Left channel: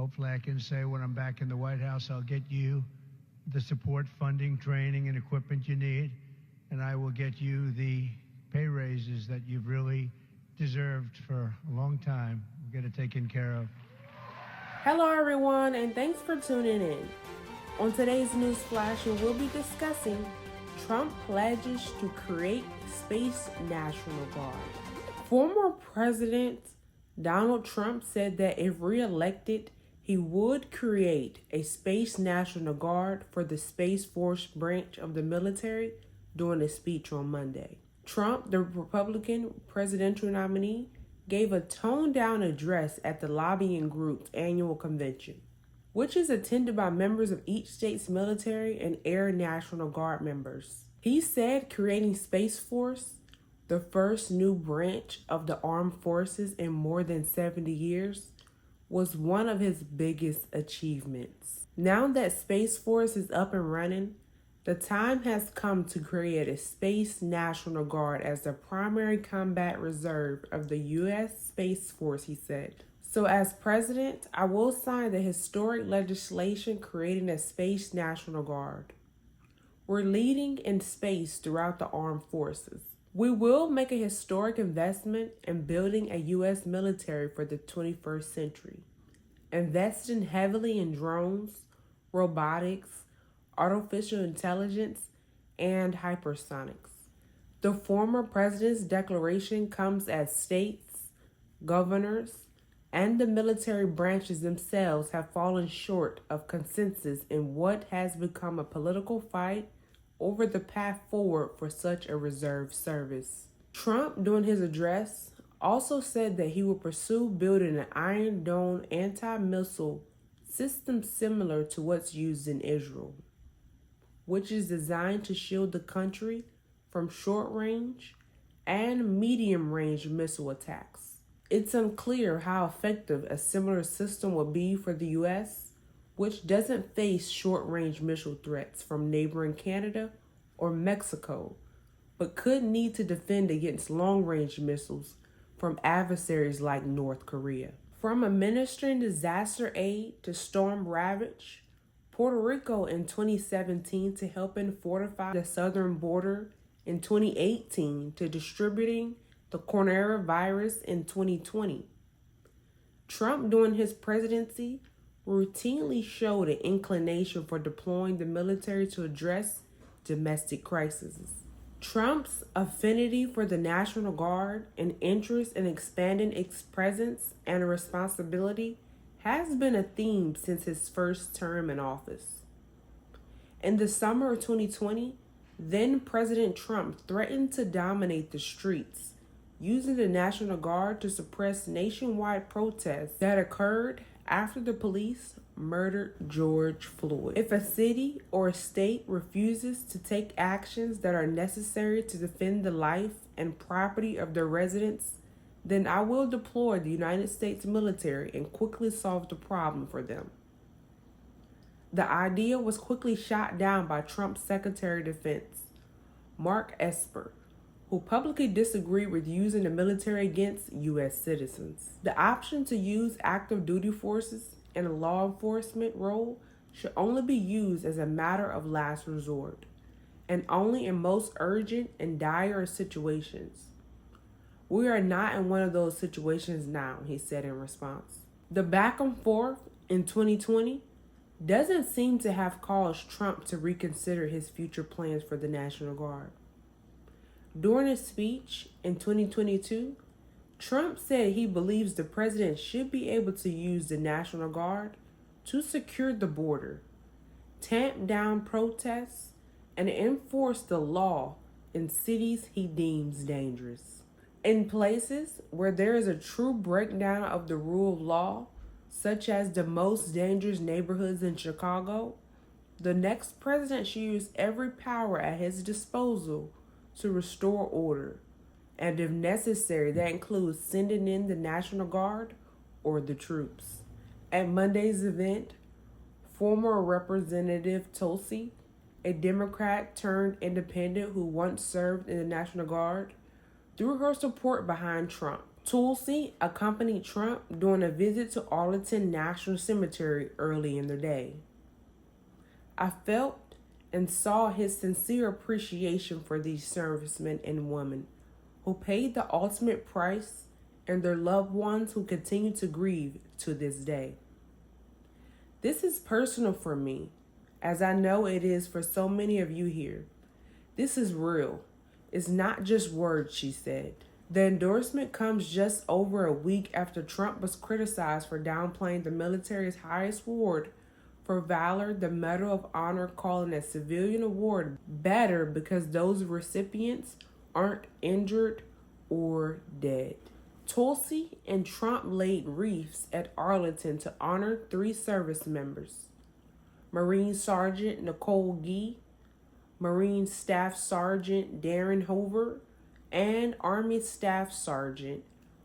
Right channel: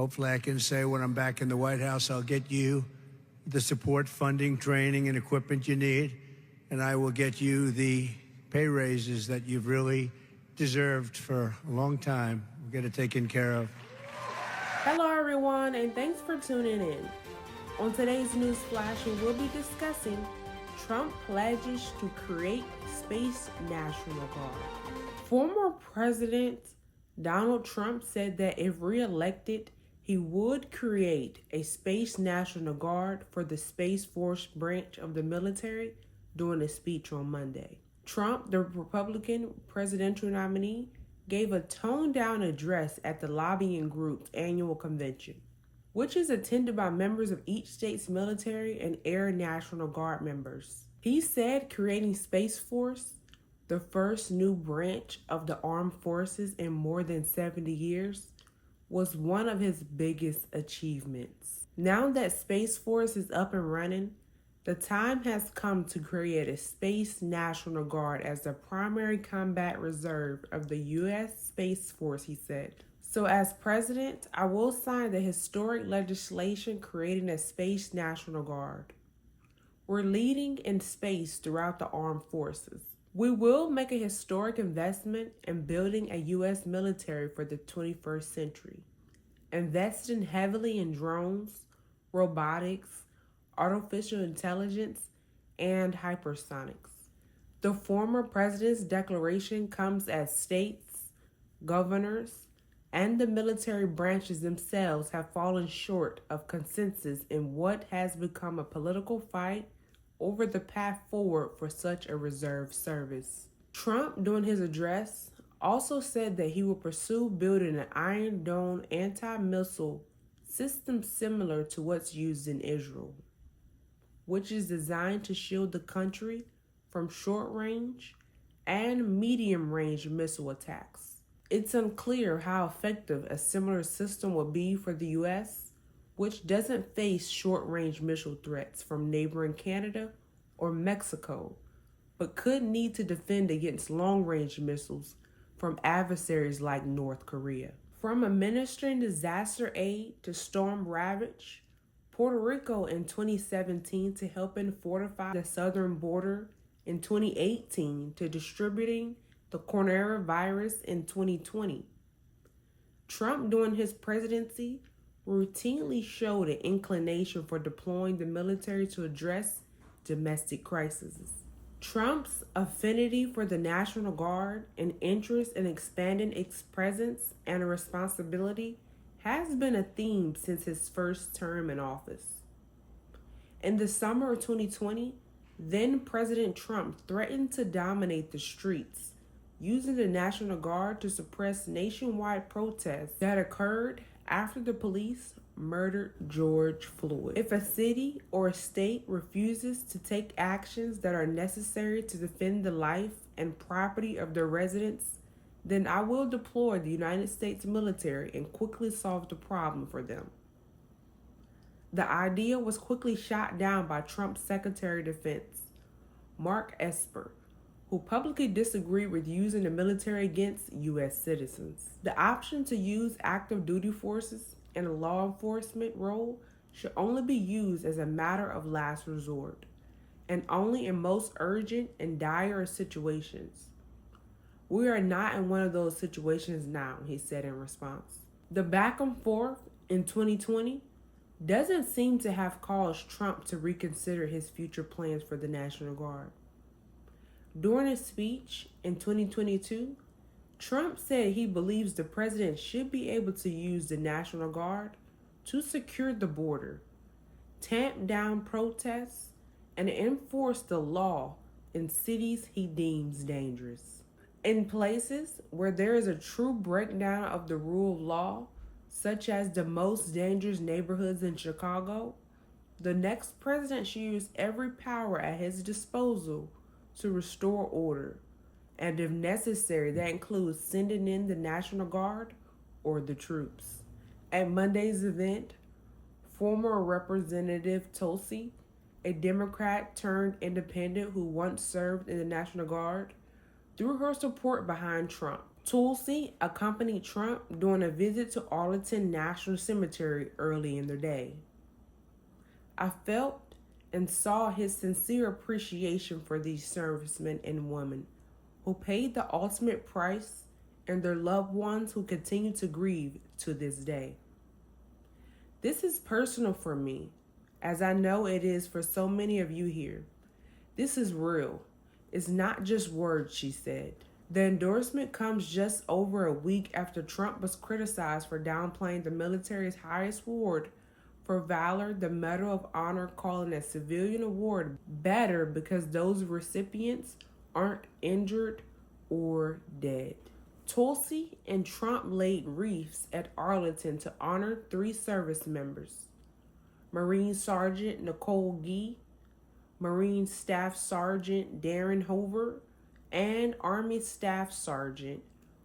Hopefully I can say when I'm back in the White House, I'll get you the support, funding, training, and equipment you need, and I will get you the pay raises that you've really deserved for a long time. We'll get it taken care of. Hello everyone, and thanks for tuning in. On today's News Flash, we will be discussing Trump pledges to create Space National Guard. Former President Donald Trump said that if reelected, he would create a Space National Guard for the Space Force branch of the military during a speech on Monday. Trump, the Republican presidential nominee, gave a toned-down address at the lobbying group's annual convention, which is attended by members of each state's military and Air National Guard members. He said creating Space Force, the first new branch of the armed forces in more than 70 years, was one of his biggest achievements. Now that Space Force is up and running, the time has come to create a Space National Guard as the primary combat reserve of the U.S. Space Force, he said. So as president, I will sign the historic legislation creating a Space National Guard. We're leading in space throughout the armed forces. We will make a historic investment in building a U.S. military for the 21st century, investing heavily in drones, robotics, artificial intelligence, and hypersonics. The former president's declaration comes as states, governors, and the military branches themselves have fallen short of consensus in what has become a political fight over the path forward for such a reserve service. Trump, during his address, also said that he will pursue building an Iron Dome anti-missile system similar to what's used in Israel, which is designed to shield the country from short-range and medium-range missile attacks. It's unclear how effective a similar system will be for the U.S., which doesn't face short-range missile threats from neighboring Canada or Mexico, but could need to defend against long-range missiles from adversaries like North Korea. From administering disaster aid to storm ravage, Puerto Rico in 2017 to helping fortify the southern border in 2018 to distributing the coronavirus in 2020. Trump, during his presidency, routinely showed an inclination for deploying the military to address domestic crises. Trump's affinity for the National Guard and interest in expanding its presence and responsibility has been a theme since his first term in office. In the summer of 2020, then President Trump threatened to dominate the streets, using the National Guard to suppress nationwide protests that occurred after the police murdered George Floyd. If a city or a state refuses to take actions that are necessary to defend the life and property of their residents, then I will deploy the United States military and quickly solve the problem for them. The idea was quickly shot down by Trump's Secretary of Defense, Mark Esper, who publicly disagreed with using the military against U.S. citizens. The option to use active duty forces in a law enforcement role should only be used as a matter of last resort, and only in most urgent and dire situations. We are not in one of those situations now, he said in response. The back and forth in 2020 doesn't seem to have caused Trump to reconsider his future plans for the National Guard. During his speech in 2022, Trump said he believes the president should be able to use the National Guard to secure the border, tamp down protests, and enforce the law in cities he deems dangerous. In places where there is a true breakdown of the rule of law, such as the most dangerous neighborhoods in Chicago, the next president should use every power at his disposal to restore order, and if necessary, that includes sending in the National Guard or the troops. At Monday's event, former Representative Tulsi, a Democrat turned independent who once served in the National Guard, threw her support behind Trump. Tulsi accompanied Trump during a visit to Arlington National Cemetery early in the day. I felt and saw his sincere appreciation for these servicemen and women who paid the ultimate price and their loved ones who continue to grieve to this day. This is personal for me, as I know it is for so many of you here. This is real. It's not just words, she said. The endorsement comes just over a week after Trump was criticized for downplaying the military's highest award for valor, the Medal of Honor, calling a civilian award better because those recipients aren't injured or dead. Tulsi and Trump laid wreaths at Arlington to honor 3 service members: Marine Sergeant Nicole Gee, Marine Staff Sergeant Darren Hoover, and Army Staff Sergeant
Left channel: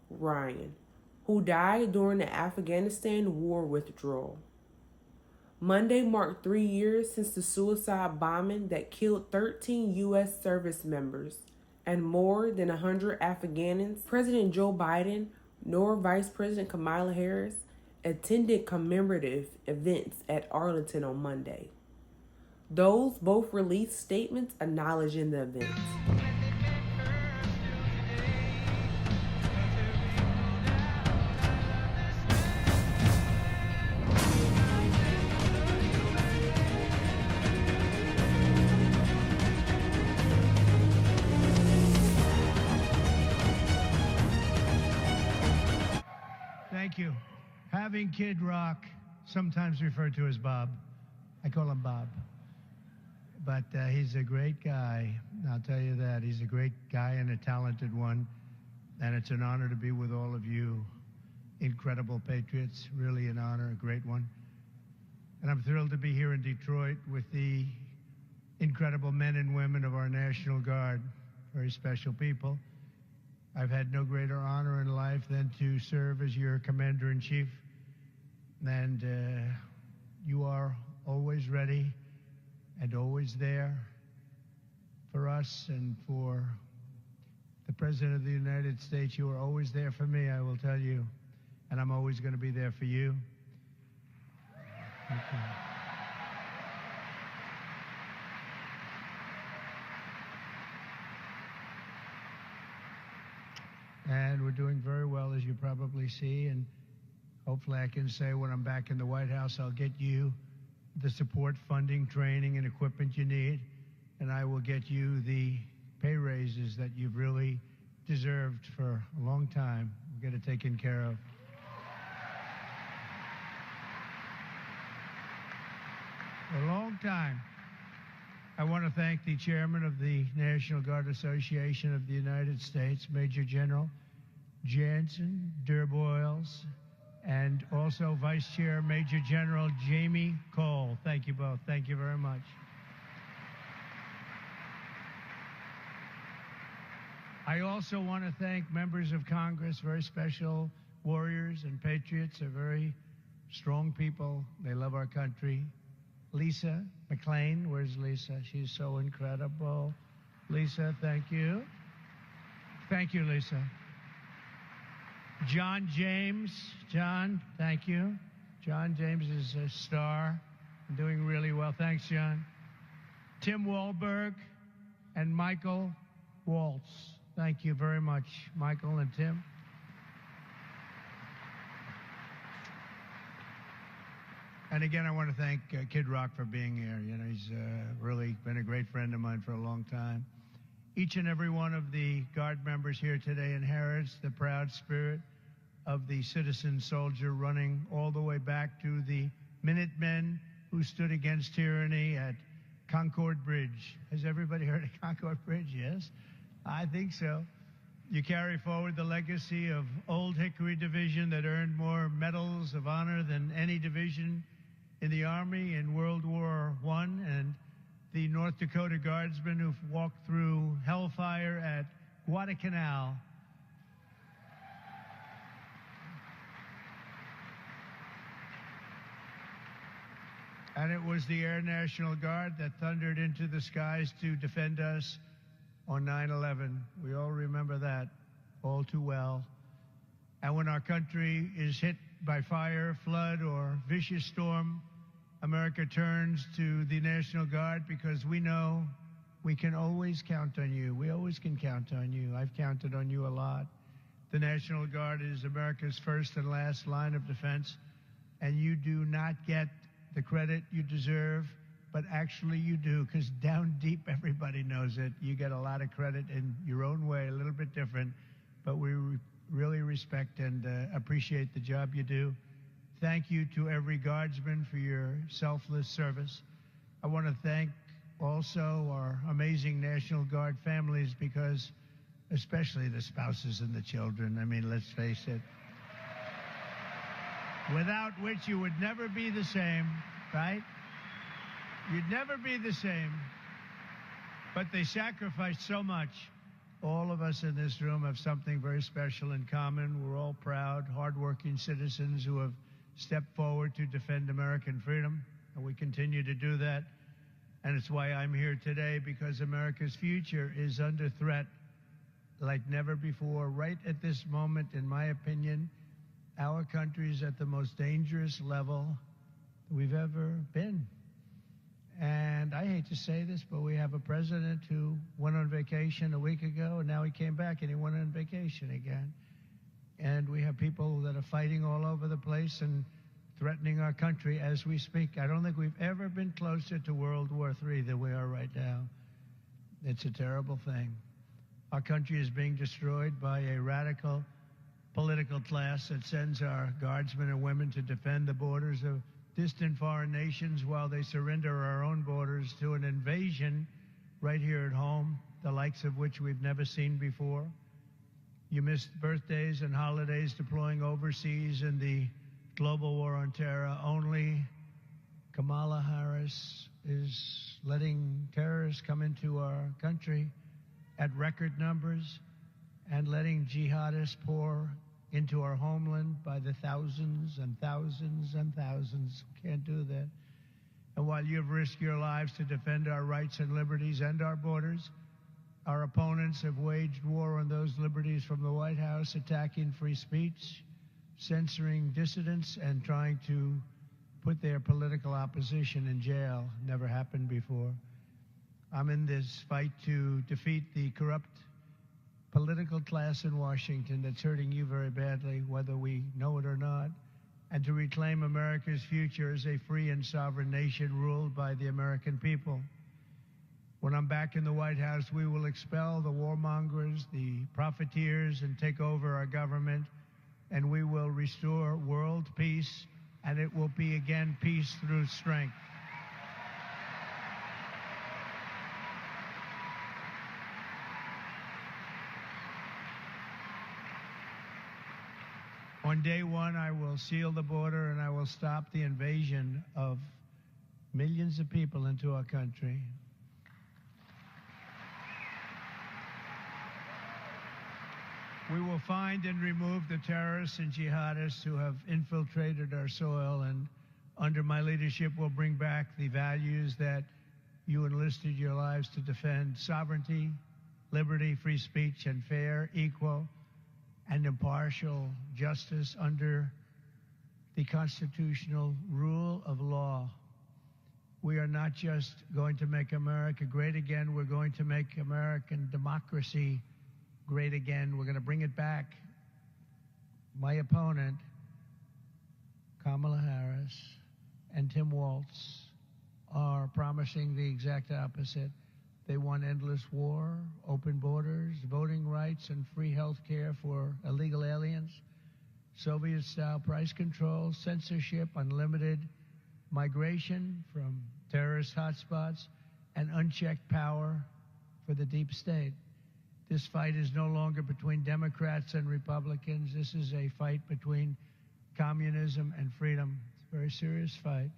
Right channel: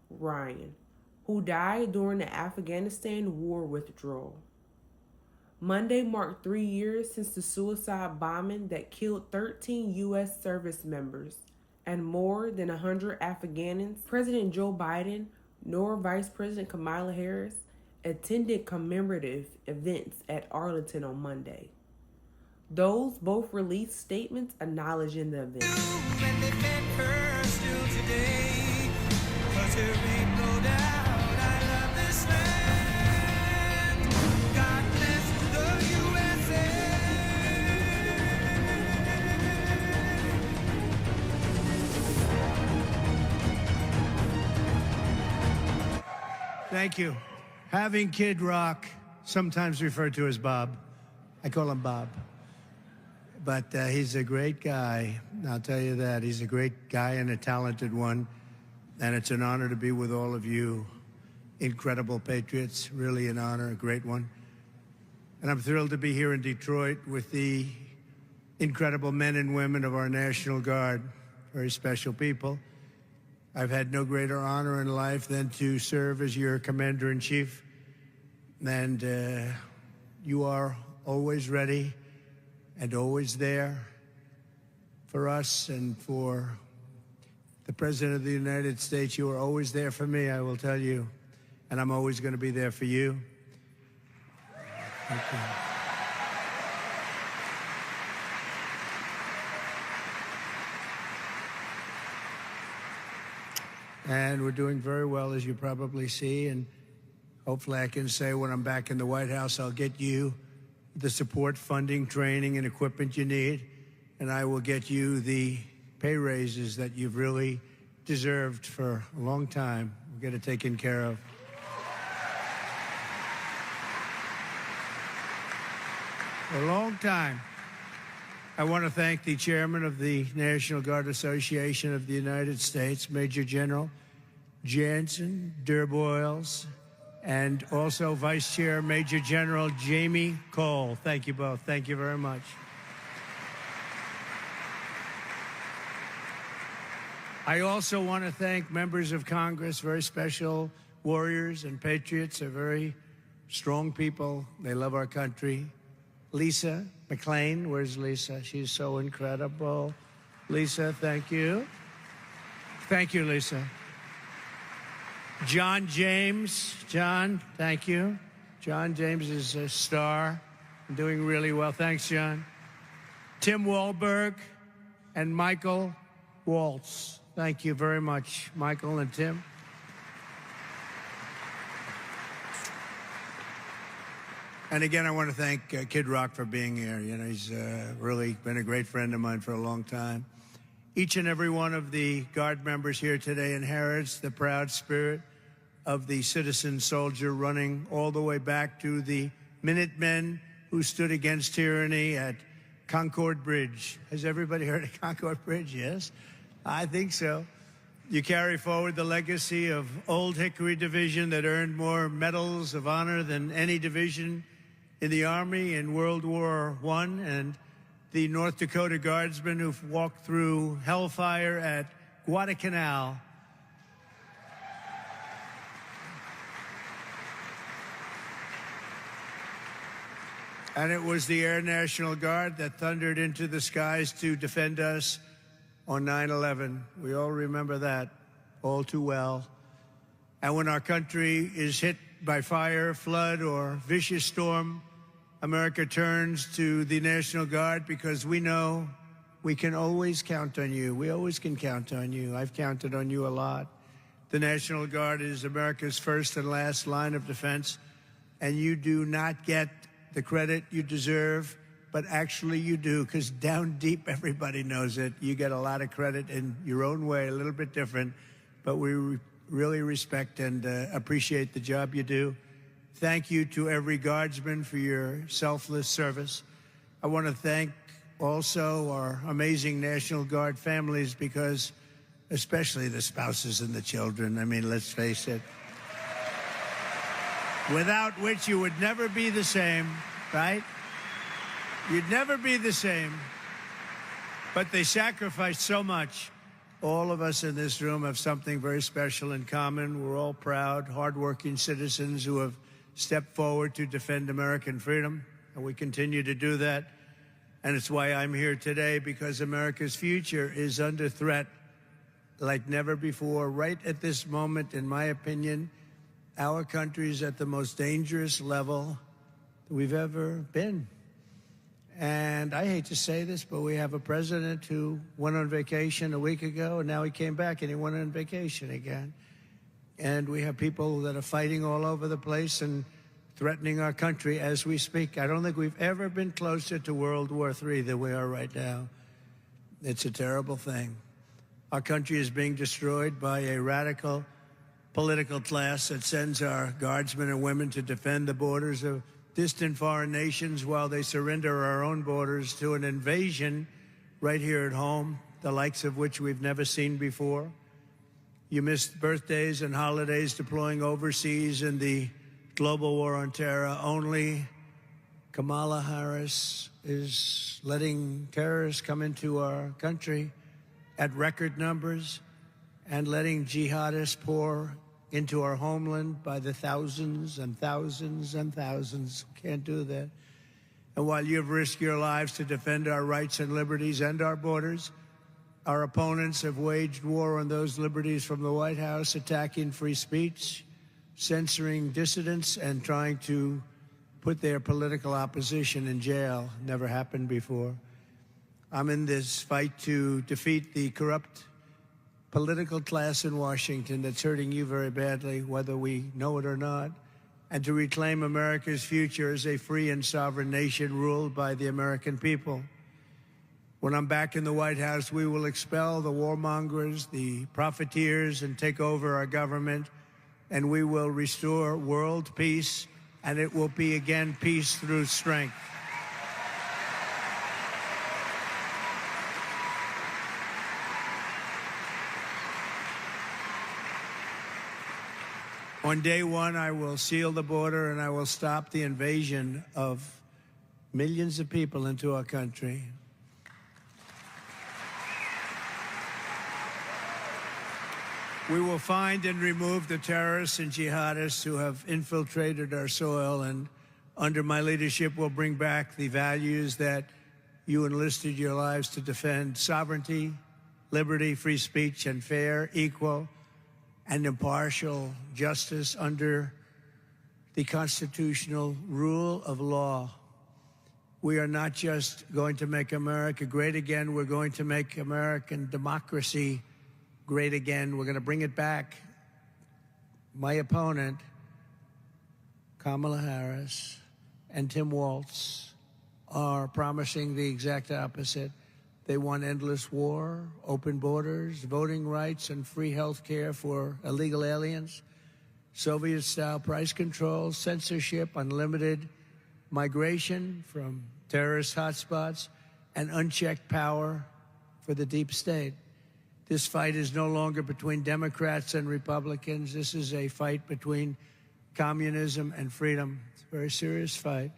Ryan, who died during the Afghanistan war withdrawal. Monday marked 3 years since the suicide bombing that killed 13 U.S. service members and more than 100 Afghans. President Joe Biden nor Vice President Kamala Harris attended commemorative events at Arlington on Monday. Those both released statements acknowledging the event. Thank you. Having Kid Rock, sometimes referred to as Bob. I call him Bob. But he's a great guy. I'll tell you that. He's a great guy and a talented one. And it's an honor to be with all of you incredible patriots. Really an honor, a great one. And I'm thrilled to be here in Detroit with the incredible men and women of our National Guard. Very special people. I've had no greater honor in life than to serve as your commander-in-chief. And you are always ready and always there for us and for the President of the United States. You are always there for me, I will tell you. And I'm always going to be there for you. Thank you. And we're doing very well, as you probably see. And hopefully I can say when I'm back in the White House, I'll get you the support, funding, training, and equipment you need. And I will get you the pay raises that you've really deserved for a long time. We'll get it taken care of. For a long time. I want to thank the chairman of the National Guard Association of the United States, Major General Jansen Durboyles, and also Vice Chair Major General Jamie Cole. Thank you both. Thank you very much. I also want to thank members of Congress, very special warriors and patriots, are very strong people. They love our country. Lisa McLean, where's Lisa? She's so incredible. Lisa, thank you. Thank you, Lisa. John James, John, thank you. John James is a star, doing really well. Thanks, John. Tim Wahlberg and Michael Waltz. Thank you very much, Michael and Tim. And again, I want to thank Kid Rock for being here. You know, he's really been a great friend of mine for a long time. Each and every one of the Guard members here today inherits the proud spirit of the citizen soldier, running all the way back to the Minutemen who stood against tyranny at Concord Bridge. Has everybody heard of Concord Bridge? Yes, I think so. You carry forward the legacy of Old Hickory Division that earned more medals of honor than any division in the Army in World War I, and the North Dakota Guardsmen who've walked through hellfire at Guadalcanal. And it was the Air National Guard that thundered into the skies to defend us on 9/11. We all remember that all too well. And when our country is hit by fire, flood, or vicious storm, America turns to the National Guard because we know we can always count on you. We always can count on you. I've counted on you a lot. The National Guard is America's first and last line of defense, and you do not get the credit you deserve, but actually you do, because down deep everybody knows it. You get a lot of credit in your own way, a little bit different, but we really respect and appreciate the job you do. Thank you to every Guardsman for your selfless service. I want to thank also our amazing National Guard families, because especially the spouses and the children, I mean, let's face it, without which you would never be the same, right? You'd never be the same. But they sacrificed so much. All of us in this room have something very special in common. We're all proud, hardworking citizens who have stepped forward to defend American freedom, and we continue to do that. And it's why I'm here today, because America's future is under threat like never before. Right at this moment, in my opinion, our country is at the most dangerous level we've ever been. And I hate to say this, but we have a president who went on vacation a week ago, and now he came back and he went on vacation again. And we have people that are fighting all over the place and threatening our country as we speak. I don't think we've ever been closer to World War III than we are right now. It's a terrible thing. Our country is being destroyed by a radical political class that sends our guardsmen and women to defend the borders of distant foreign nations while they surrender our own borders to an invasion right here at home, the likes of which we've never seen before. You missed birthdays and holidays deploying overseas in the global war on terror. Only Kamala Harris is letting terrorists come into our country at record numbers and letting jihadists pour into our homeland by the thousands and thousands and thousands. Can't do that. And while you've risked your lives to defend our rights and liberties and our borders, our opponents have waged war on those liberties from the White House, attacking free speech, censoring dissidents, and trying to put their political opposition in jail. Never happened before. I'm in this fight to defeat the corrupt political class in Washington that's hurting you very badly, whether we know it or not, and to reclaim America's future as a free and sovereign nation ruled by the American people. When I'm back in the White House, we will expel the warmongers, the profiteers, and take over our government, and we will restore world peace, and it will be, again, peace through strength. On day one, I will seal the border and I will stop the invasion of millions of people into our country. We will find and remove the terrorists and jihadists who have infiltrated our soil, and under my leadership, we'll bring back the values that you enlisted your lives to defend: sovereignty, liberty, free speech, and fair, equal, and impartial justice under the constitutional rule of law. We are not just going to make America great again, we're going to make American democracy great again. We're going to bring it back. My opponent, Kamala Harris, and Tim Walz are promising the exact opposite. They want endless war, open borders, voting rights, and free health care for illegal aliens, Soviet-style price controls, censorship, unlimited migration from terrorist hotspots, and unchecked power for the deep state. This fight is no longer between Democrats and Republicans. This is a fight between communism and freedom. It's a very serious fight.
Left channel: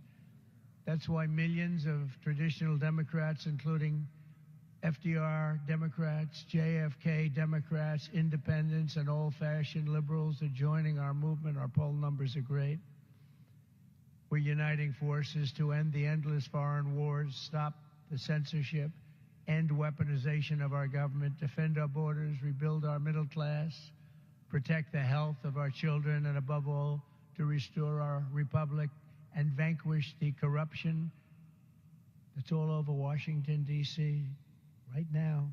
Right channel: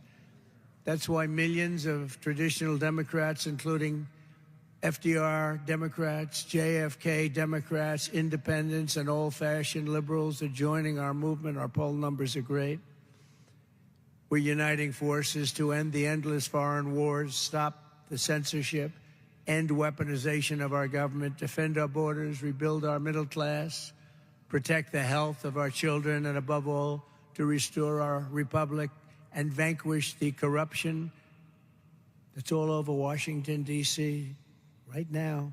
That's why millions of traditional Democrats, including FDR Democrats, JFK Democrats, independents, and old-fashioned liberals are joining our movement. Our poll numbers are great. We're uniting forces to end the endless foreign wars, stop the censorship, end weaponization of our government, defend our borders, rebuild our middle class, protect the health of our children, and above all, to restore our republic and vanquish the corruption that's all over Washington, D.C. right now.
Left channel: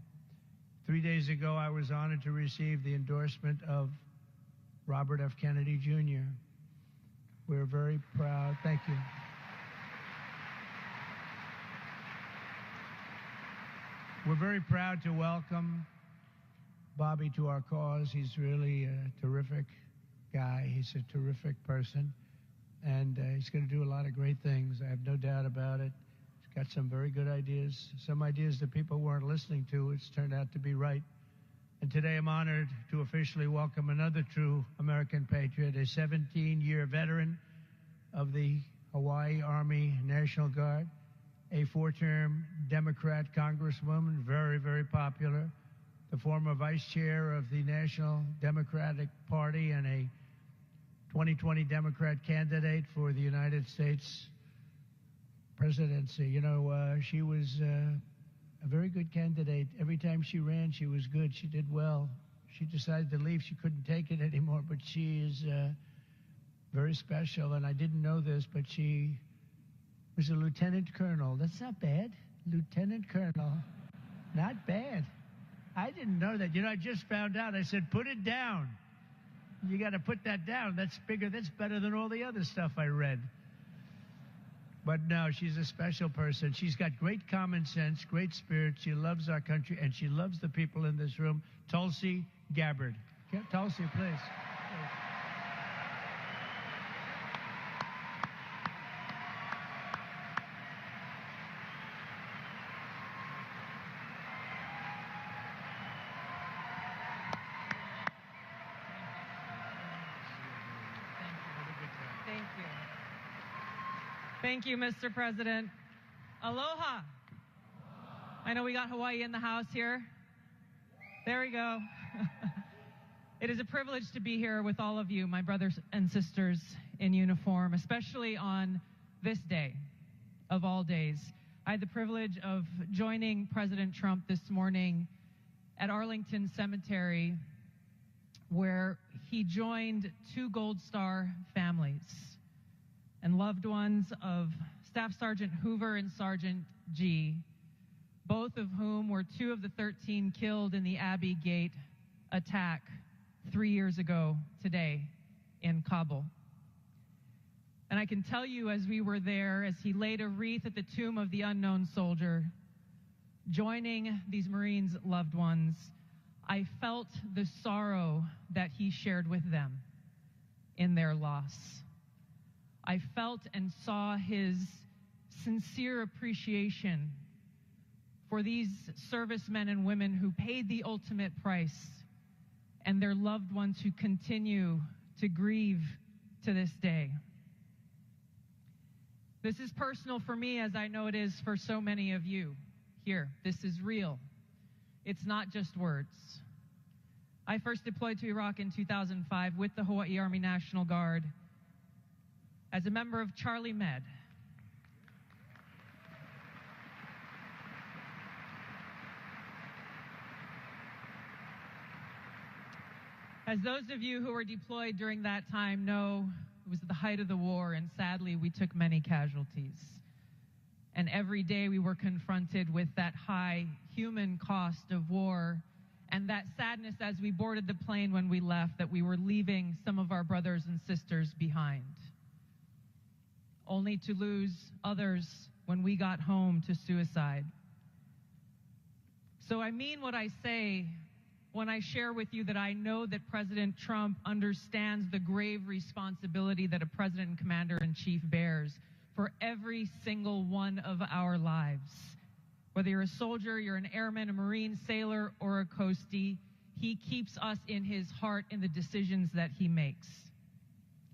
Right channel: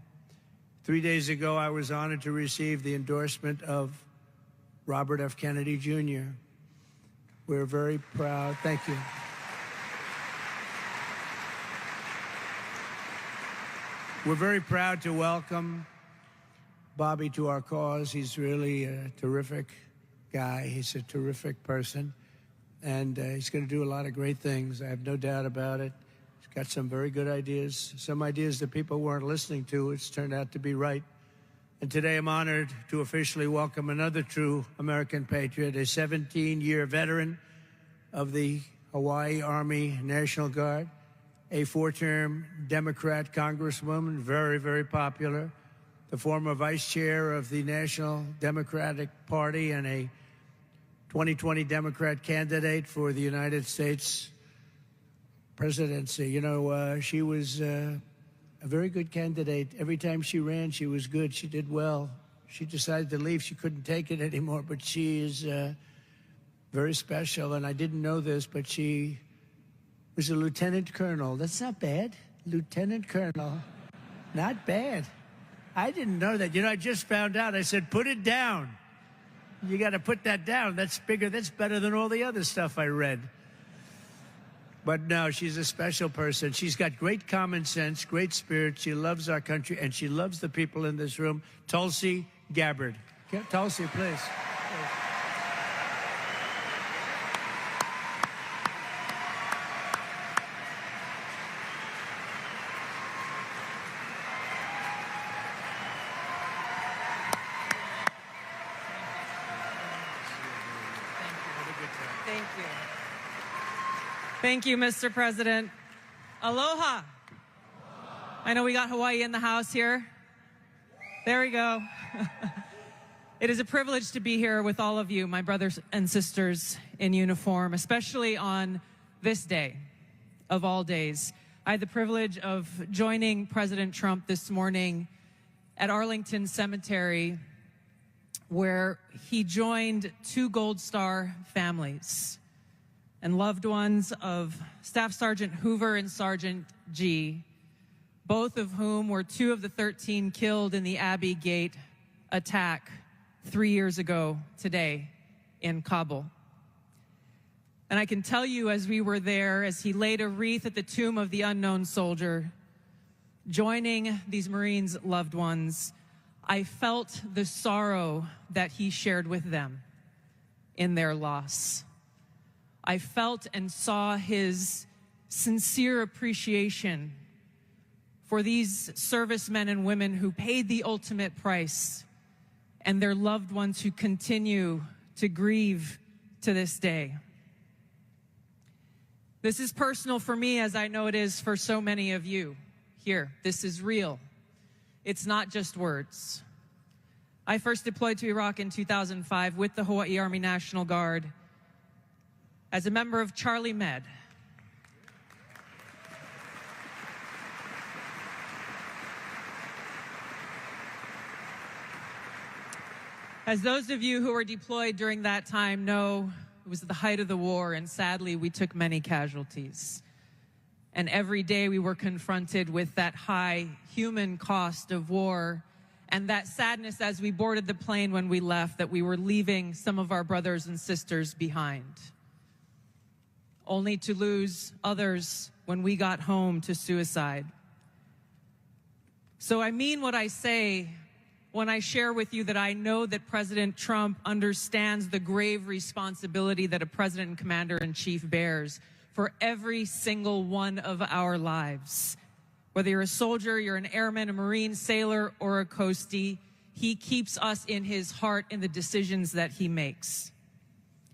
3 days ago, I was honored to receive the endorsement of Robert F. Kennedy, Jr. We're very proud. Thank you. We're very proud to welcome Bobby to our cause. He's really a terrific guy. He's a terrific person, and he's going to do a lot of great things. I have no doubt about it. He's got some very good ideas, some ideas that people weren't listening to. It's turned out to be right. And today I'm honored to officially welcome another true American patriot, a 17-year veteran of the Hawaii Army National Guard, a 4-term Democrat congresswoman, very, very popular, the former vice chair of the National Democratic Party and a 2020 Democrat candidate for the United States presidency. You know, she was a very good candidate. Every time she ran, she was good. She did well. She decided to leave. She couldn't take it anymore, but she is very special. And I didn't know this, but she was a lieutenant colonel. That's not bad. Lieutenant colonel. Not bad. I didn't know that. You know, I just found out. I said, put it down. You got to put that down. That's bigger. That's better than all the other stuff I read. But no, she's a special person. She's got great common sense, great spirit. She loves our country, and she loves the people in this room. Tulsi Gabbard. Okay, Tulsi, please. Thank you, Mr. President. Aloha. I know we got Hawaii in the house here. There we go. It is a privilege to be here with all of you, my brothers and sisters in uniform, especially on this day of all days. I had the privilege of joining President Trump this morning at Arlington Cemetery, where he joined 2 Gold Star families and loved ones of Staff Sergeant Hoover and Sergeant G, both of whom were 2 of the 13 killed in the Abbey Gate attack 3 years ago today in Kabul. And I can tell you, as we were there, as he laid a wreath at the tomb of the unknown soldier, joining these Marines' loved ones, I felt the sorrow that he shared with them in their loss. I felt and saw his sincere appreciation for these servicemen and women who paid the ultimate price and their loved ones who continue to grieve to this day. This is personal for me, as I know it is for so many of you here. This is real. It's not just words. I first deployed to Iraq in 2005 with the Hawaii Army National Guard as a member of Charlie Med. As those of you who were deployed during that time know, it was the height of the war, and sadly, we took many casualties. And every day we were confronted with that high human cost of war and that sadness as we boarded the plane when we left, that we were leaving some of our brothers and sisters behind, only to lose others when we got home to suicide. So I mean what I say when I share with you that I know that President Trump understands the grave responsibility that a president and commander-in-chief bears for every single one of our lives. Whether you're a soldier, you're an airman, a Marine, sailor, or a coastie, he keeps us in his heart in the decisions that he makes.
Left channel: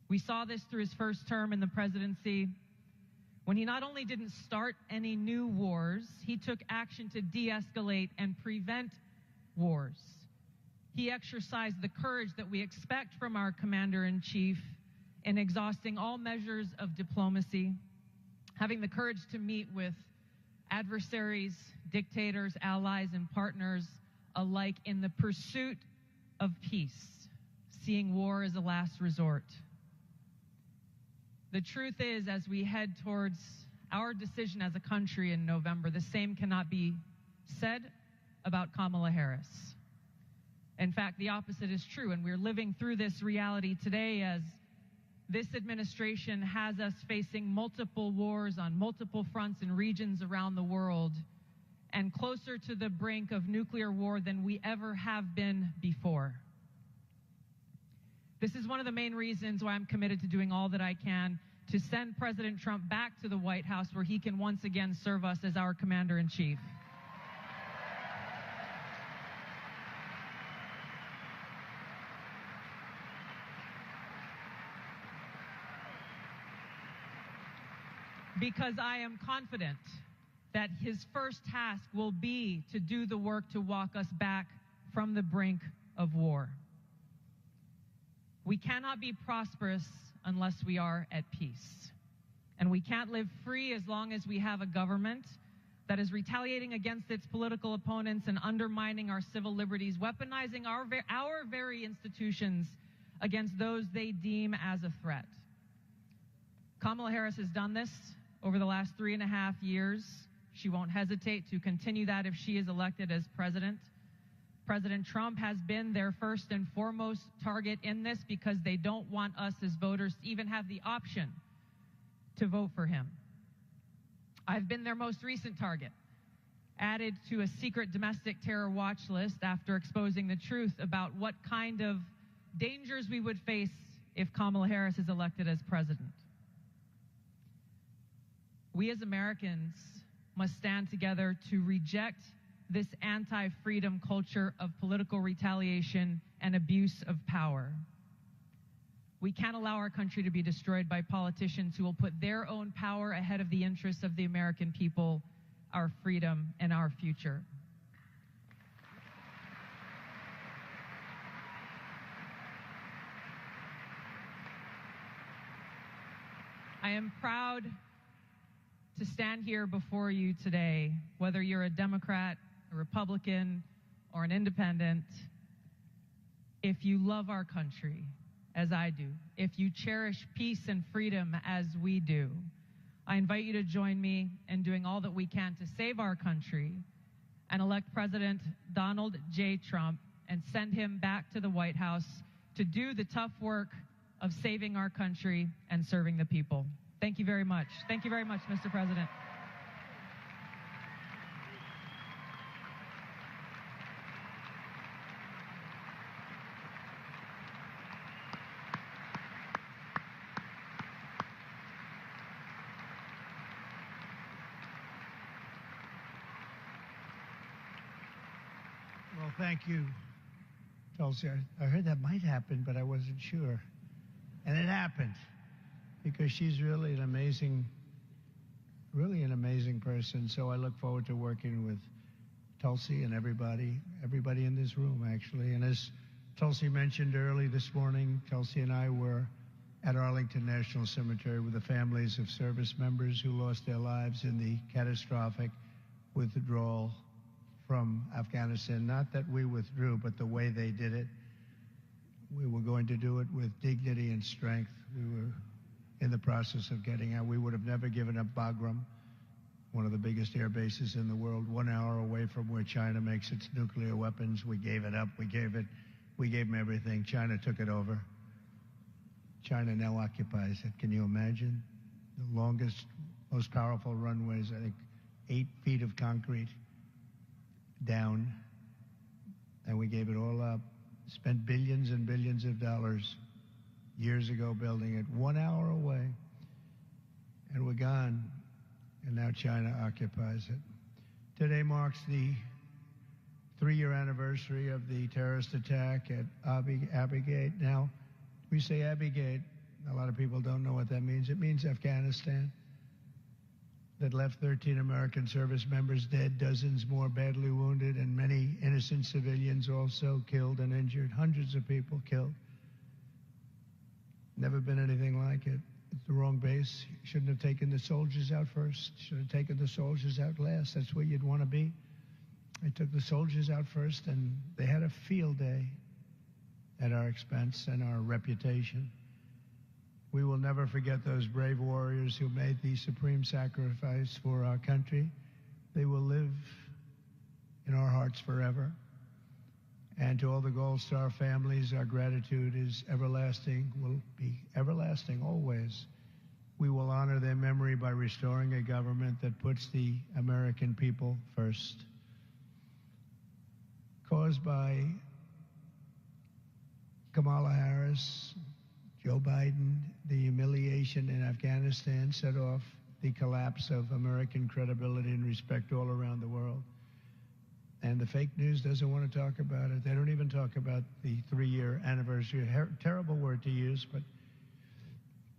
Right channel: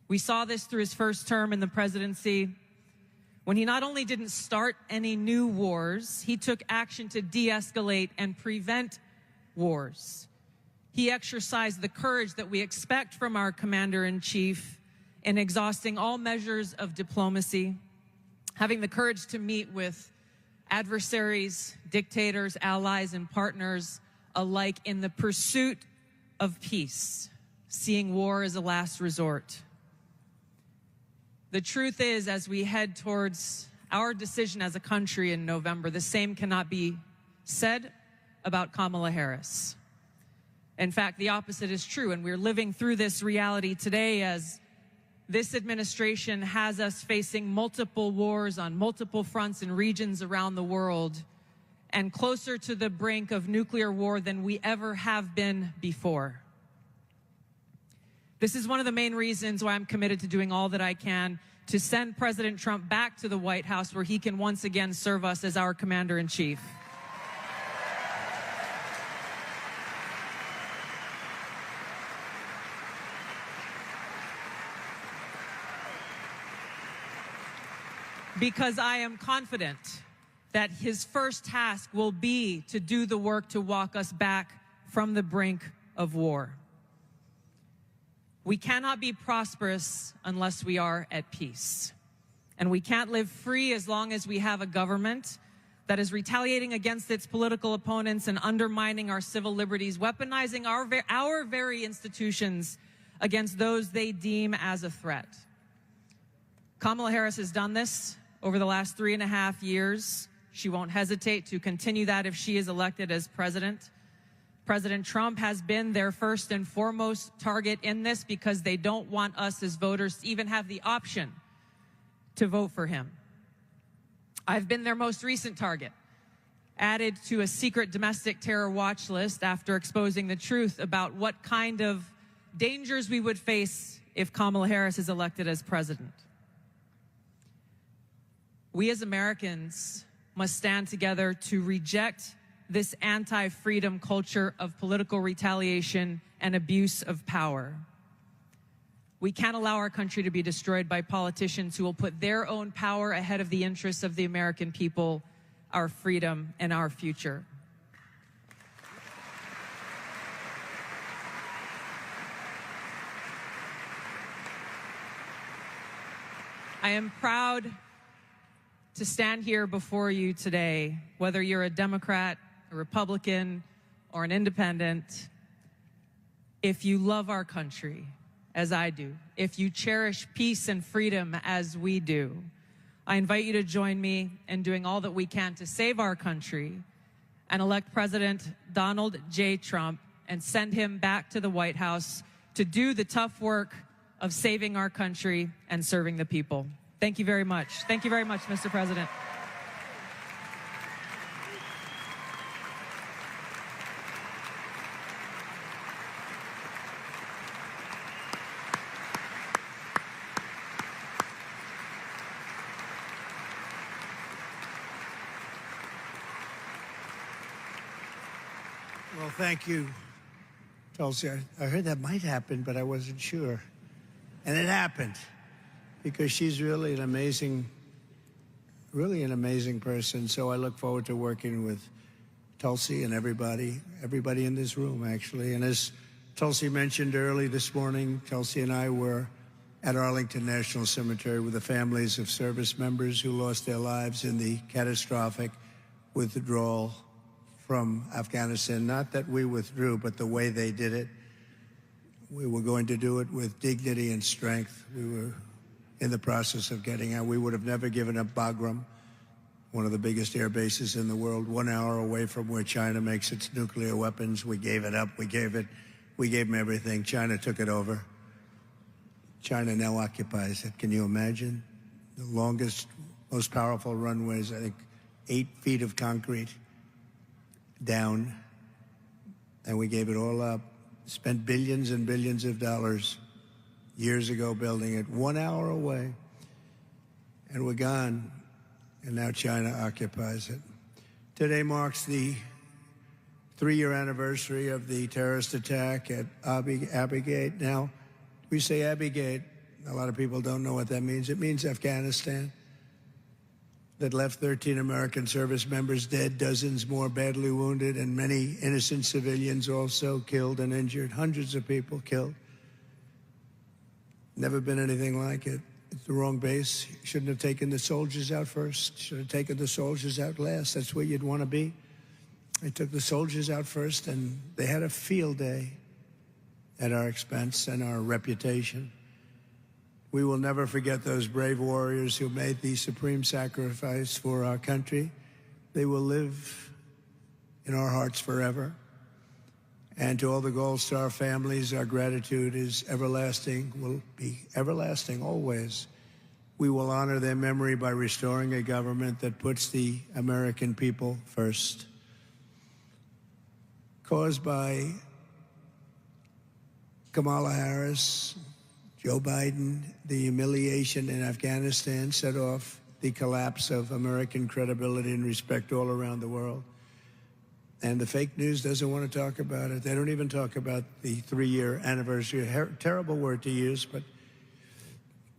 We saw this through his first term in the presidency, when he not only didn't start any new wars, he took action to de-escalate and prevent wars. He exercised the courage that we expect from our commander-in-chief in exhausting all measures of diplomacy, having the courage to meet with adversaries, dictators, allies, and partners alike in the pursuit of peace, seeing war as a last resort. The truth is, as we head towards our decision as a country in November, the same cannot be said about Kamala Harris. In fact, the opposite is true, and we're living through this reality today as this administration has us facing multiple wars on multiple fronts and regions around the world, and closer to the brink of nuclear war than we ever have been before. This is one of the main reasons why I'm committed to doing all that I can to send President Trump back to the White House, where he can once again serve us as our commander-in-chief. Because I am confident that his first task will be to do the work to walk us back from the brink of war. We cannot be prosperous unless we are at peace. And we can't live free as long as we have a government that is retaliating against its political opponents and undermining our civil liberties, weaponizing our very institutions against those they deem as a threat. Kamala Harris has done this over the last 3.5 years. She won't hesitate to continue that if she is elected as president. President Trump has been their first and foremost target in this because they don't want us as voters to even have the option to vote for him. I've been their most recent target, added to a secret domestic terror watch list after exposing the truth about what kind of dangers we would face if Kamala Harris is elected as president. We as Americans must stand together to reject this anti-freedom culture of political retaliation and abuse of power. We can't allow our country to be destroyed by politicians who will put their own power ahead of the interests of the American people, our freedom, and our future. I am proud to stand here before you today, whether you're a Democrat, a Republican, or an independent. If you love our country, as I do, if you cherish peace and freedom as we do, I invite you to join me in doing all that we can to save our country and elect President Donald J. Trump and send him back to the White House to do the tough work of saving our country and serving the people. Thank you very much. Thank you very much, Mr. President. Well, thank you, Tulsi. I heard that might happen, but I wasn't sure. And it happened, because she's really an amazing person. So I look forward to working with Tulsi and everybody in this room, actually. And as Tulsi mentioned early this morning, Tulsi and I were at Arlington National Cemetery with the families of service members who lost their lives in the catastrophic withdrawal from Afghanistan. Not that we withdrew, but the way they did it. We were going to do it with dignity and strength. We were in the process of getting out. We would have never given up Bagram, one of the biggest air bases in the world, 1 hour away from where China makes its nuclear weapons. We gave it up. We gave them everything. China took it over. China now occupies it. Can you imagine? The longest, most powerful runways, I think 8 feet of concrete down, and we gave it all up. Spent billions and billions of dollars years ago building it, 1 hour away, and we're gone, and now China occupies it. Today marks the 3-year anniversary of the terrorist attack at Abbey Gate. Now, we say Abbey Gate, a lot of people don't know what that means. It means Afghanistan. That left 13 American service members dead, dozens more badly wounded, and many innocent civilians also killed and injured, hundreds of people killed. Never been anything like it. It's the wrong base. Shouldn't have taken the soldiers out first. Should have taken the soldiers out last. That's where you'd want to be. They took the soldiers out first, and they had a field day. at our expense and our reputation. We will never forget those brave warriors who made the supreme sacrifice for our country. They will live in our hearts forever. And to all the Gold Star families, our gratitude is everlasting, will be everlasting always. We will honor their memory by restoring a government that puts the American people first. Caused by Kamala Harris, Joe Biden, the humiliation in Afghanistan set off the collapse of American credibility and respect all around the world. And the fake news doesn't want to talk about it. They don't even talk about the 3-year anniversary. Terrible word to use, but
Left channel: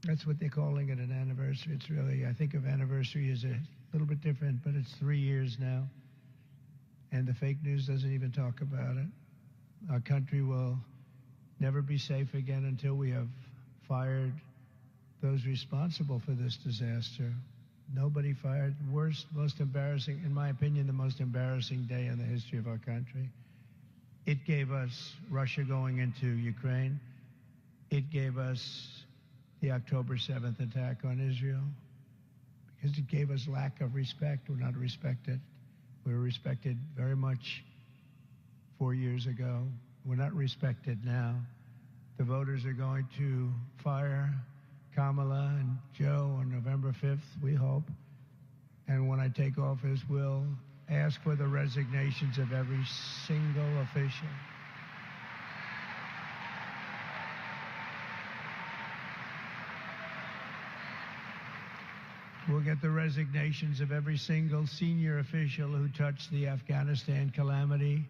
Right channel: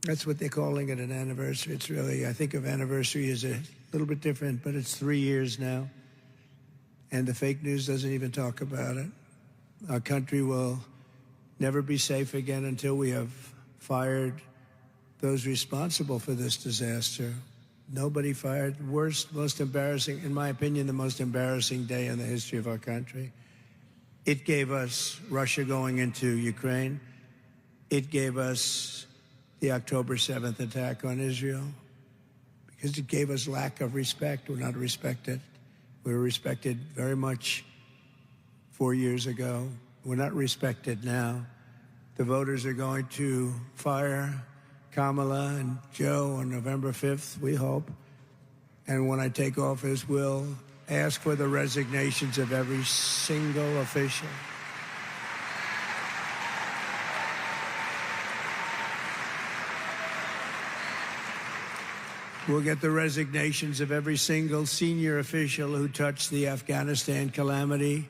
that's what they're calling it, an anniversary. It's really, I think of anniversary as a little bit different, but it's 3 years now. And the fake news doesn't even talk about it. Our country will never be safe again until we have fired those responsible for this disaster. Nobody fired. Worst, most embarrassing, in my opinion, the most embarrassing day in the history of our country. It gave us Russia going into Ukraine. It gave us the October 7th attack on Israel, because it gave us lack of respect. We're not respected. We were respected very much 4 years ago. We're not respected now. The voters are going to fire Kamala and Joe on November 5th, we hope. And when I take office, we'll ask for the resignations of every single official. We'll get the resignations of every single senior official who touched the Afghanistan calamity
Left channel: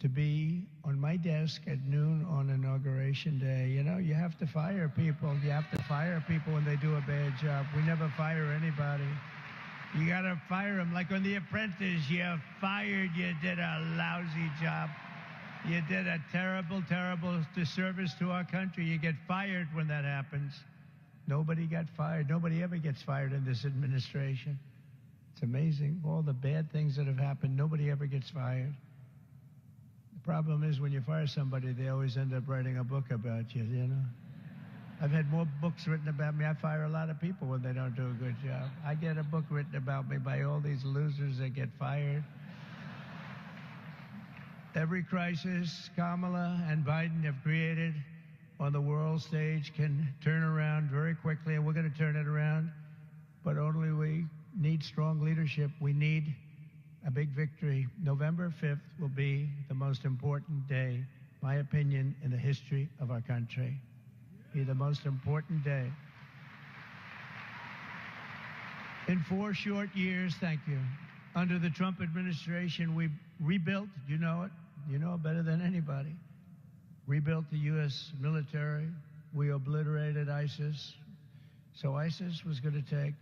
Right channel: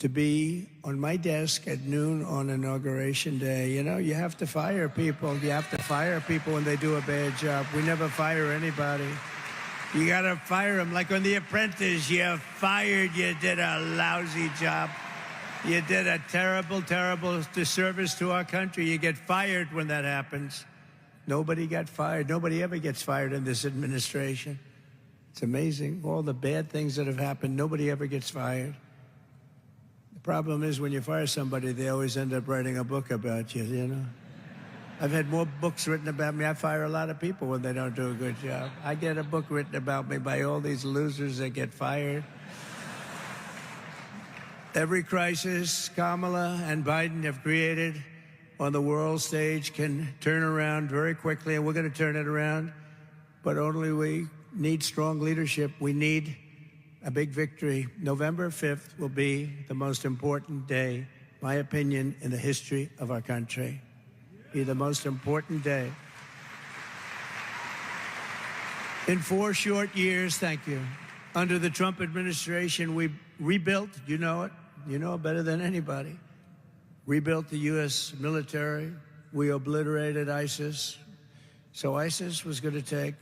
to be on my desk at noon on Inauguration Day. You know, you have to fire people. You have to fire people when they do a bad job. We never fire anybody. You got to fire them. Like on The Apprentice, you're fired. You did a lousy job. You did a terrible, terrible disservice to our country. You get fired when that happens. Nobody got fired. Nobody ever gets fired in this administration. It's amazing. All the bad things that have happened, nobody ever gets fired. The problem is when you fire somebody, they always end up writing a book about you, you know? I've had more books written about me. I fire a lot of people when they don't do a good job. I get a book written about me by all these losers that get fired. Every crisis Kamala and Biden have created on the world stage can turn around very quickly, and we're going to turn it around. But only we need strong leadership. We need a big victory. November 5th will be the most important day, my opinion, in the history of our country. Be the most important day. In 4 short years, thank you, under the Trump administration, we rebuilt, you know it better than anybody, rebuilt the U.S. military. We obliterated ISIS. So ISIS was going to take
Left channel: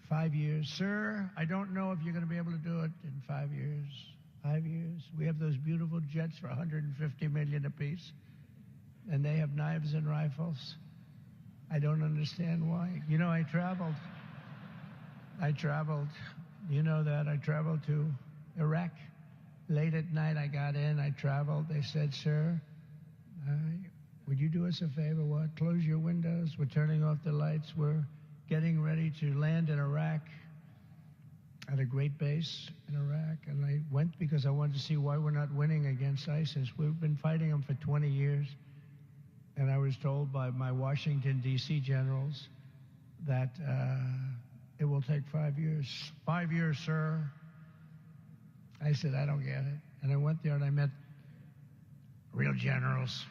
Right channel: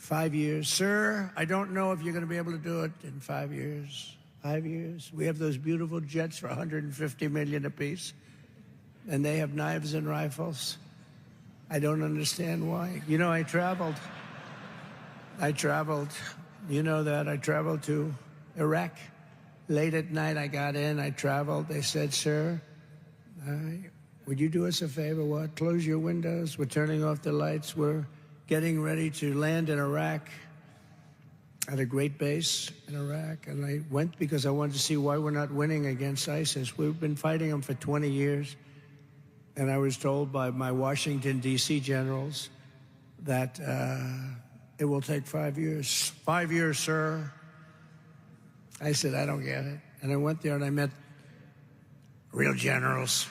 5 years. Sir, I don't know if you're going to be able to do it in 5 years. 5 years. We have those beautiful jets for $150 million apiece, and they have knives and rifles. I don't understand why. You know, I traveled. You know that. I traveled to Iraq. Late at night, I got in. I traveled. They said, sir, would you do us a favor? What? Close your windows. We're turning off the lights. We're getting ready to land in Iraq at a great base in Iraq. And I went because I wanted to see why we're not winning against ISIS. We've been fighting them for 20 years. And I was told by my Washington, D.C. generals that it will take 5 years. 5 years, sir. I said, I don't get it. And I went there and I met real generals.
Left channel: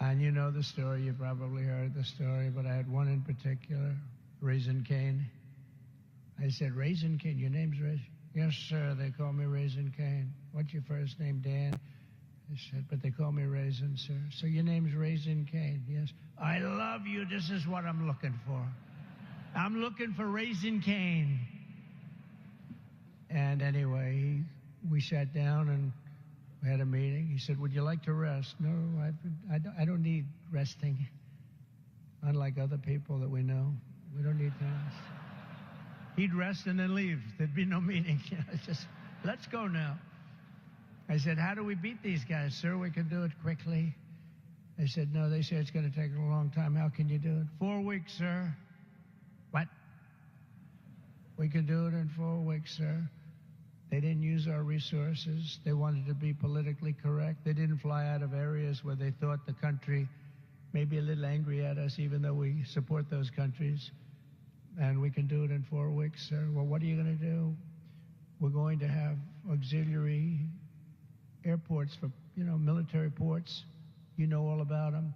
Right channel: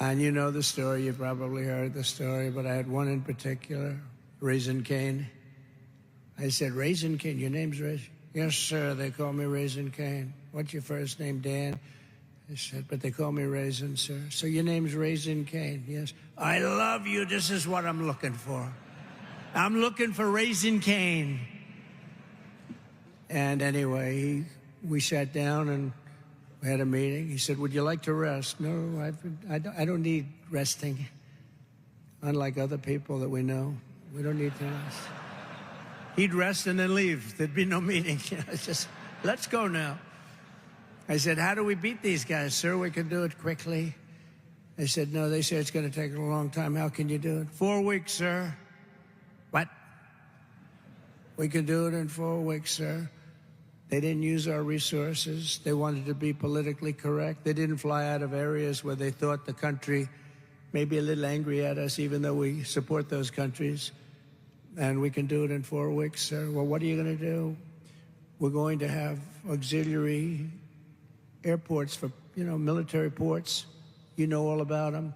And you know the story. You probably heard the story, but I had one in particular, Raisin Cane. I said, Raisin Cane, your name's Raisin? Yes, sir, they call me Raisin Cane. What's your first name, Dan? I said, but they call me Raisin, sir. So your name's Raisin Cane? Yes. I love you. This is what I'm looking for. I'm looking for Raisin Cane. And anyway, we sat down and we had a meeting. He said, would you like to rest? No, I don't need resting. Unlike other people that we know, we don't need to rest. He'd rest and then leave. There'd be no meeting. It's just, let's go now. I said, how do we beat these guys? Sir, we can do it quickly. They said, no, they say it's going to take a long time. How can you do it? 4 weeks, sir. What? We can do it in 4 weeks, sir. They didn't use our resources. They wanted to be politically correct. They didn't fly out of areas where they thought the country may be a little angry at us, even though we support those countries. And we can do it in 4 weeks, sir. Well, what are you going to do? We're going to have auxiliary airports for, military ports. You know all about them.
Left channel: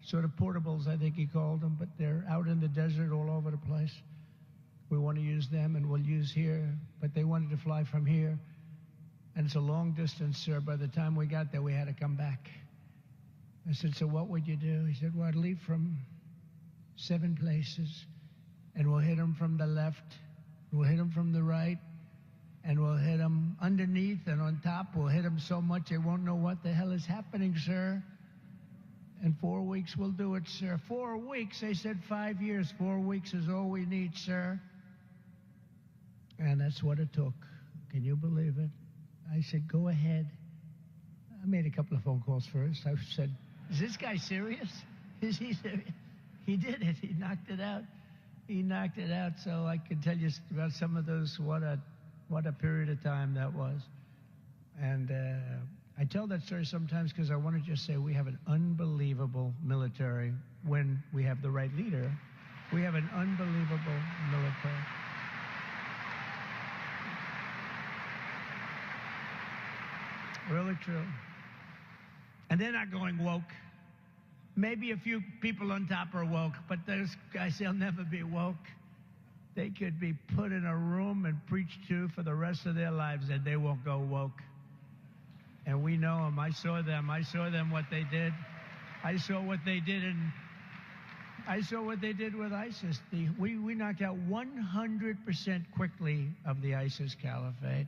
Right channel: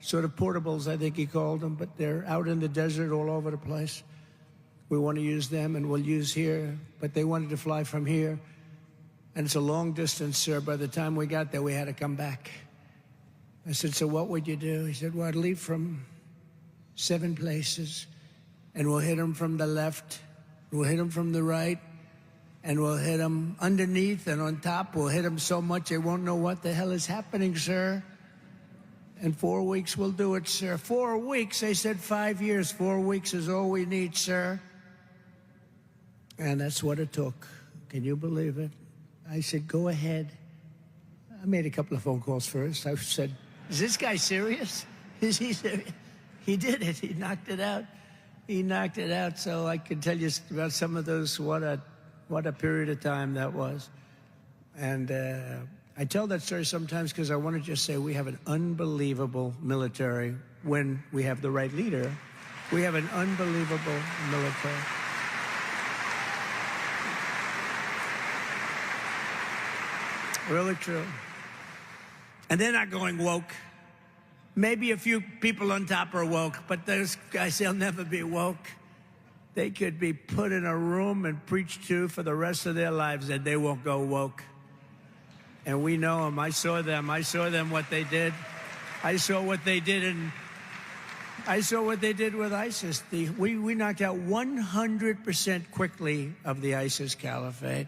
Sort of portables, I think he called them, but they're out in the desert all over the place. We want to use them, and we'll use here. But they wanted to fly from here. And it's a long distance, sir. By the time we got there, we had to come back. I said, so what would you do? He said, well, I'd leave from 7 places, and we'll hit them from the left, we'll hit them from the right, and we'll hit them underneath and on top. We'll hit them so much they won't know what the hell is happening, sir. In 4 weeks, we'll do it, sir. 4 weeks? They said 5 years. 4 weeks is all we need, sir. And that's what it took. Can you believe it? I said, go ahead. I made a couple of phone calls first. I said, is this guy serious? Is he serious? He did it. He knocked it out. He knocked it out. So I can tell you about some of those, what a period of time that was. And I tell that story sometimes because I want to just say we have an unbelievable military when we have the right leader. We have an unbelievable military. Really true. And they're not going woke. Maybe a few people on top are woke, but those guys, they'll never be woke. They could be put in a room and preached to for the rest of their lives, and they won't go woke. And we know them. I saw them. I saw them, what they did. I saw what they did, and I saw what they did with ISIS. We knocked out 100% quickly of the ISIS caliphate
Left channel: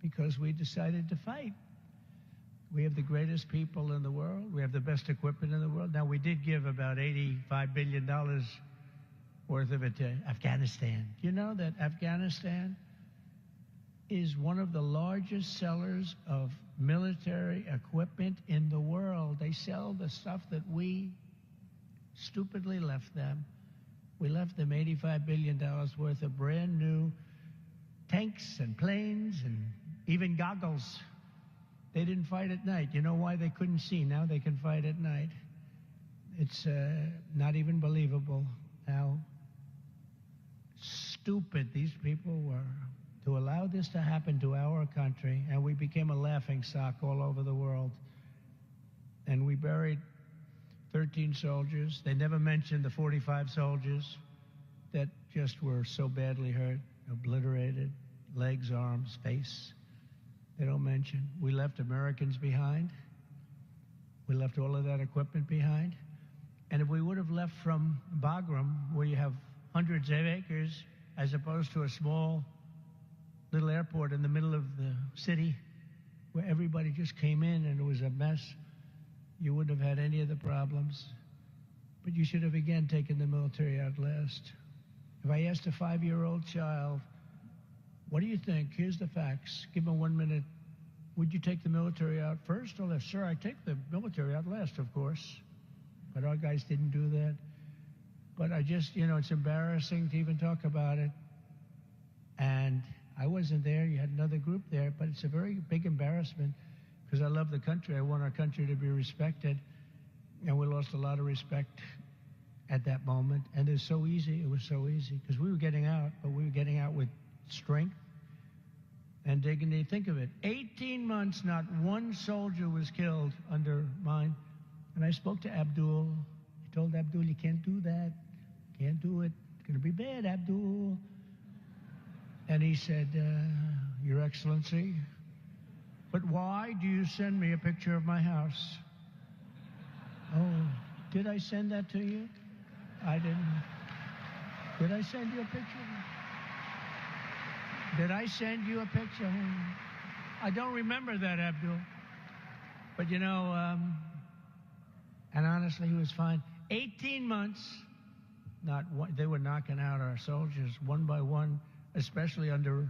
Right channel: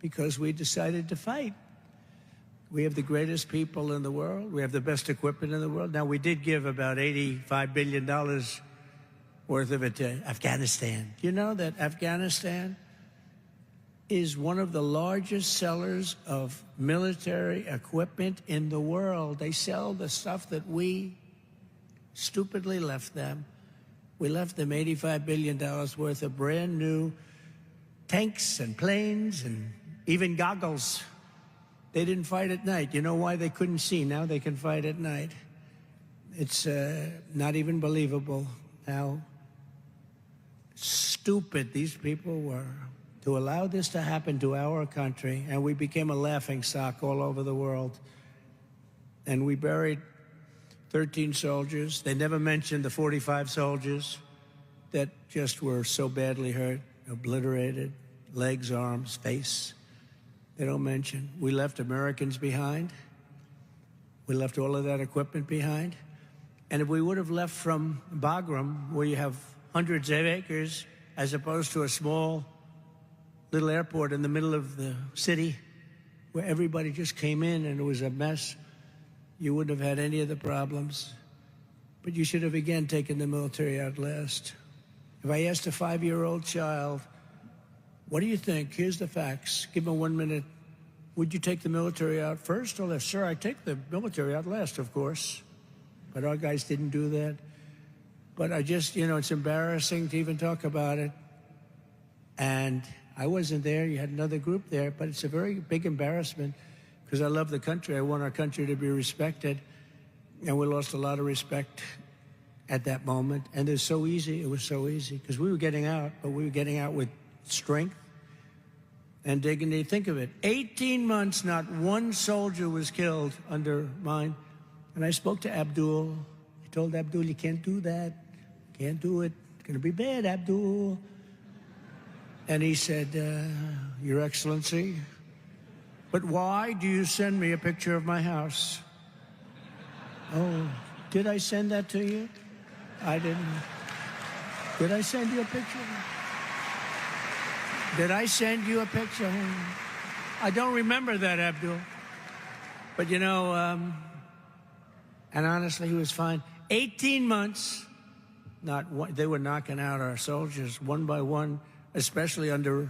because we decided to fight. We have the greatest people in the world. We have the best equipment in the world. Now, we did give about $85 billion worth of it to Afghanistan. You know that Afghanistan is one of the largest sellers of military equipment in the world. They sell the stuff that we stupidly left them. We left them $85 billion worth of brand new tanks and planes and even goggles. They didn't fight at night. You know why? They couldn't see. Now they can fight at night. It's not even believable how stupid these people were to allow this to happen to our country, and we became a laughingstock all over the world. And we buried 13 soldiers. They never mentioned the 45 soldiers that just were so badly hurt, obliterated, legs, arms, face. They don't mention. We left Americans behind. We left all of that equipment behind. And if we would have left from Bagram, where you have hundreds of acres, as opposed to a small little airport in the middle of the city, where everybody just came in and it was a mess, you wouldn't have had any of the problems. But you should have, again, taken the military out last. If I asked a 5-year-old child, what do you think? Here's the facts. Give them 1 minute. Would you take the military out first or last? Sir, I take the military out last, of course. But our guys didn't do that. But I just, it's embarrassing to even talk about it. And I wasn't there. You had another group there. But it's a very big embarrassment because I love the country. I want our country to be respected. And we lost a lot of respect at that moment. And it was so easy. It was so easy because we were getting out, but we were getting out with strength and dignity. Think of it. 18 months, not one soldier was killed under mine. And I spoke to Abdul. I told Abdul, you can't do that. Can't do it. It's going to be bad, Abdul. And he said, Your Excellency, but why do you send me a picture of my house? Oh, did I send that to you? I didn't. Did I send you a picture? Did I send you a picture? I don't remember that, Abdul. But and honestly, he was fine. 18 months, they were knocking out our soldiers one by one, especially under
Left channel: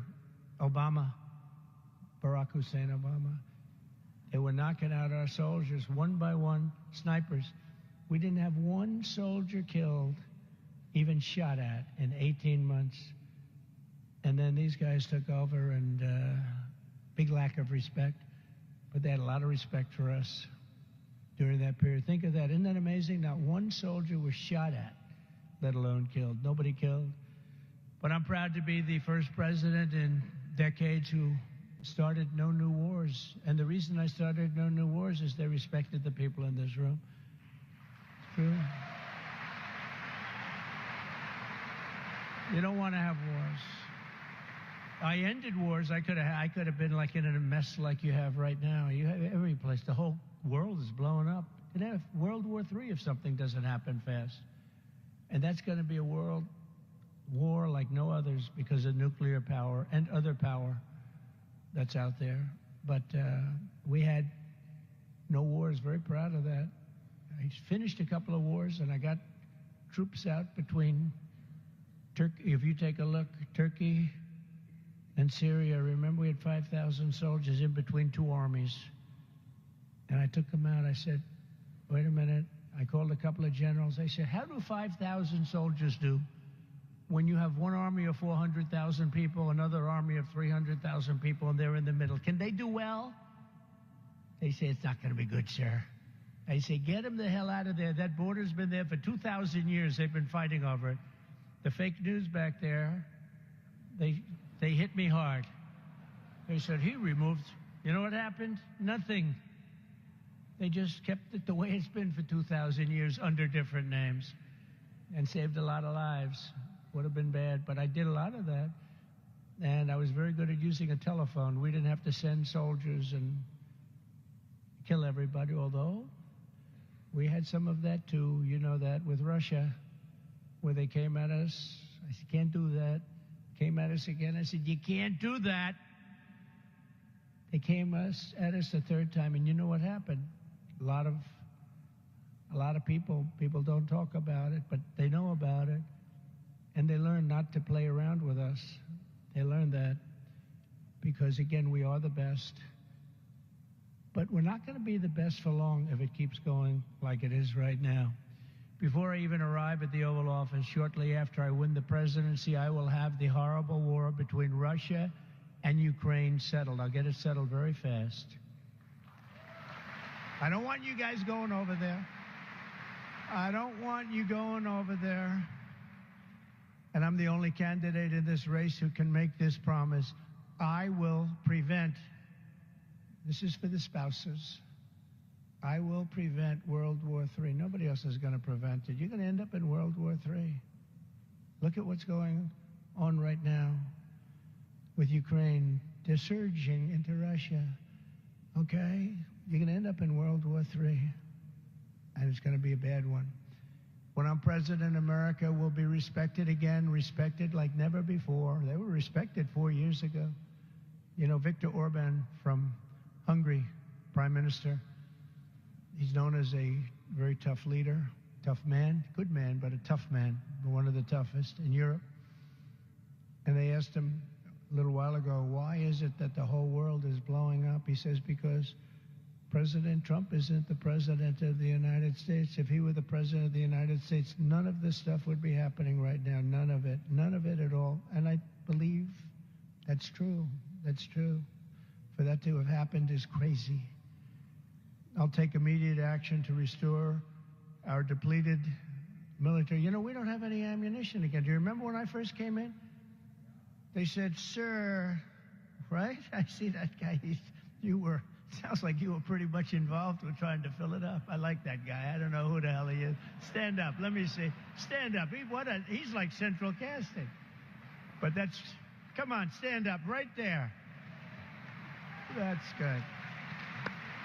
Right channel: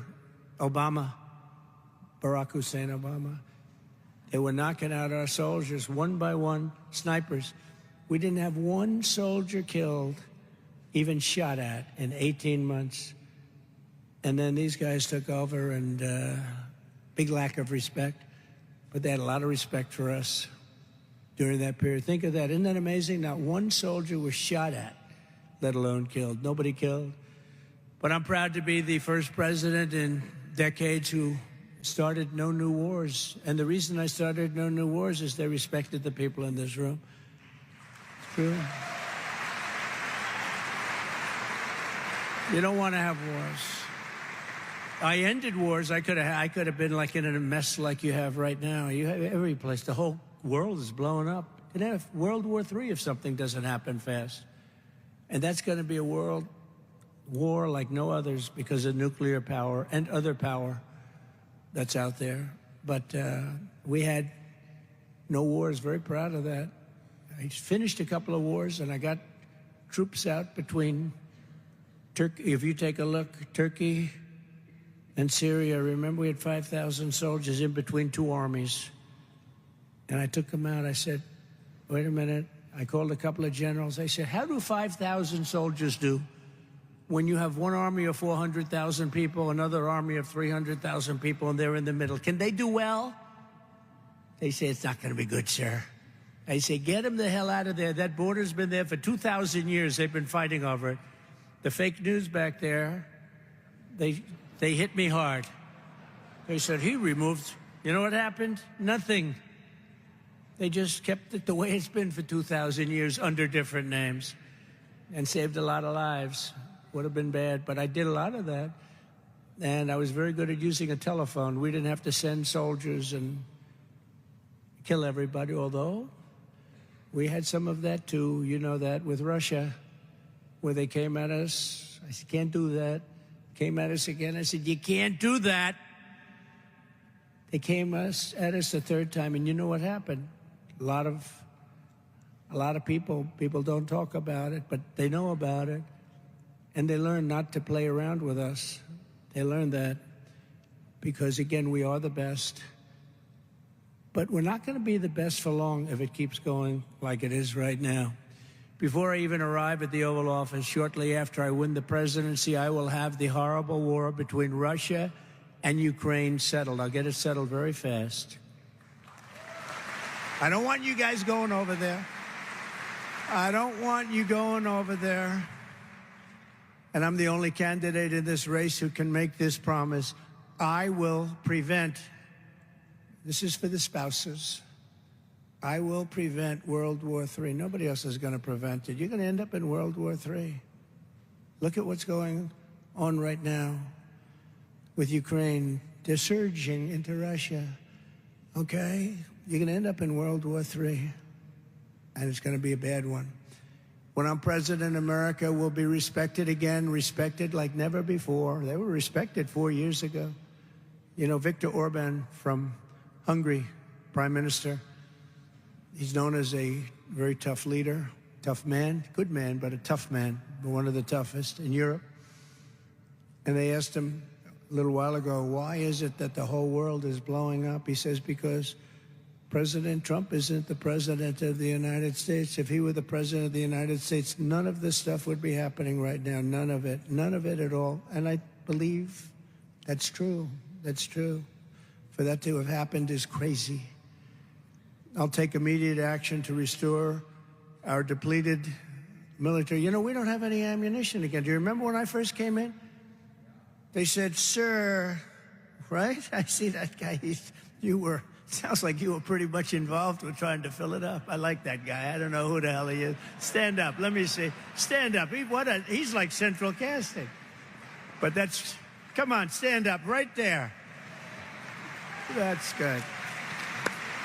Obama, Barack Hussein Obama. They were knocking out our soldiers one by one, snipers. We didn't have one soldier killed, even shot at, in 18 months. And then these guys took over, and big lack of respect. But they had a lot of respect for us during that period. Think of that. Isn't that amazing? Not one soldier was shot at, let alone killed. Nobody killed. But I'm proud to be the first president in decades who started no new wars. And the reason I started no new wars is they respected the people in this room. It's true. You don't want to have wars. I ended wars. I could have been like in a mess like you have right now. You have every place. The whole world is blowing up. You'd have World War III if something doesn't happen fast. And that's going to be a world war like no others because of nuclear power and other power that's out there. But we had no wars. Very proud of that. I finished a couple of wars, and I got troops out between Turkey. If you take a look, Turkey and Syria, remember we had 5,000 soldiers in between two armies. And I took them out. I said, wait a minute. I called a couple of generals. I said, how do 5,000 soldiers do when you have one army of 400,000 people, another army of 300,000 people, and they're in the middle? Can they do well? They say, it's not going to be good, sir. I say, get them the hell out of there. That border's been there for 2,000 years. They've been fighting over it. The fake news back there, they hit me hard. They said, he removed, you know what happened? Nothing. They just kept it the way it's been for 2,000 years under different names and saved a lot of lives. Would have been bad, but I did a lot of that. And I was very good at using a telephone. We didn't have to send soldiers and kill everybody, although we had some of that too. You know that with Russia, where they came at us. I said, can't do that. Came at us again. I said, you can't do that. They came at us a third time, and you know what happened? A lot of people don't talk about it, but they know about it, and they learn not to play around with us. They learn that because, again, we are the best. But we're not going to be the best for long if it keeps going like it is right now. Before I even arrive at the Oval Office, shortly after I win the presidency, I will have the horrible war between Russia and Ukraine settled. I'll get it settled very fast. I don't want you guys going over there. I don't want you going over there. And I'm the only candidate in this race who can make this promise. I will prevent, this is for the spouses, I will prevent World War III. Nobody else is going to prevent it. You're going to end up in World War III. Look at what's going on right now with Ukraine. They're surging into Russia, okay? You're going to end up in World War III, and it's going to be a bad one. When I'm president, America will be respected again, respected like never before. They were respected 4 years ago. You know, Viktor Orban from Hungary, prime minister, he's known as a very tough leader, tough man, good man, but a tough man, one of the toughest in Europe. And they asked him a little while ago, why is it that the whole world is blowing up? He says, because President Trump isn't the president of the United States. If he were the president of the United States, none of this stuff would be happening right now. None of it at all. And I believe that's true. That's true. For that to have happened is crazy. I'll take immediate action to restore our depleted military. You know, we don't have any ammunition again. Do you remember when I first came in? They said, sir, right? I see that guy. Sounds like you were pretty much involved with trying to fill it up. I like that guy. I don't know who the hell he is. Stand up. Let me see. Stand up. He's like central casting. But come on, stand up right there. That's good.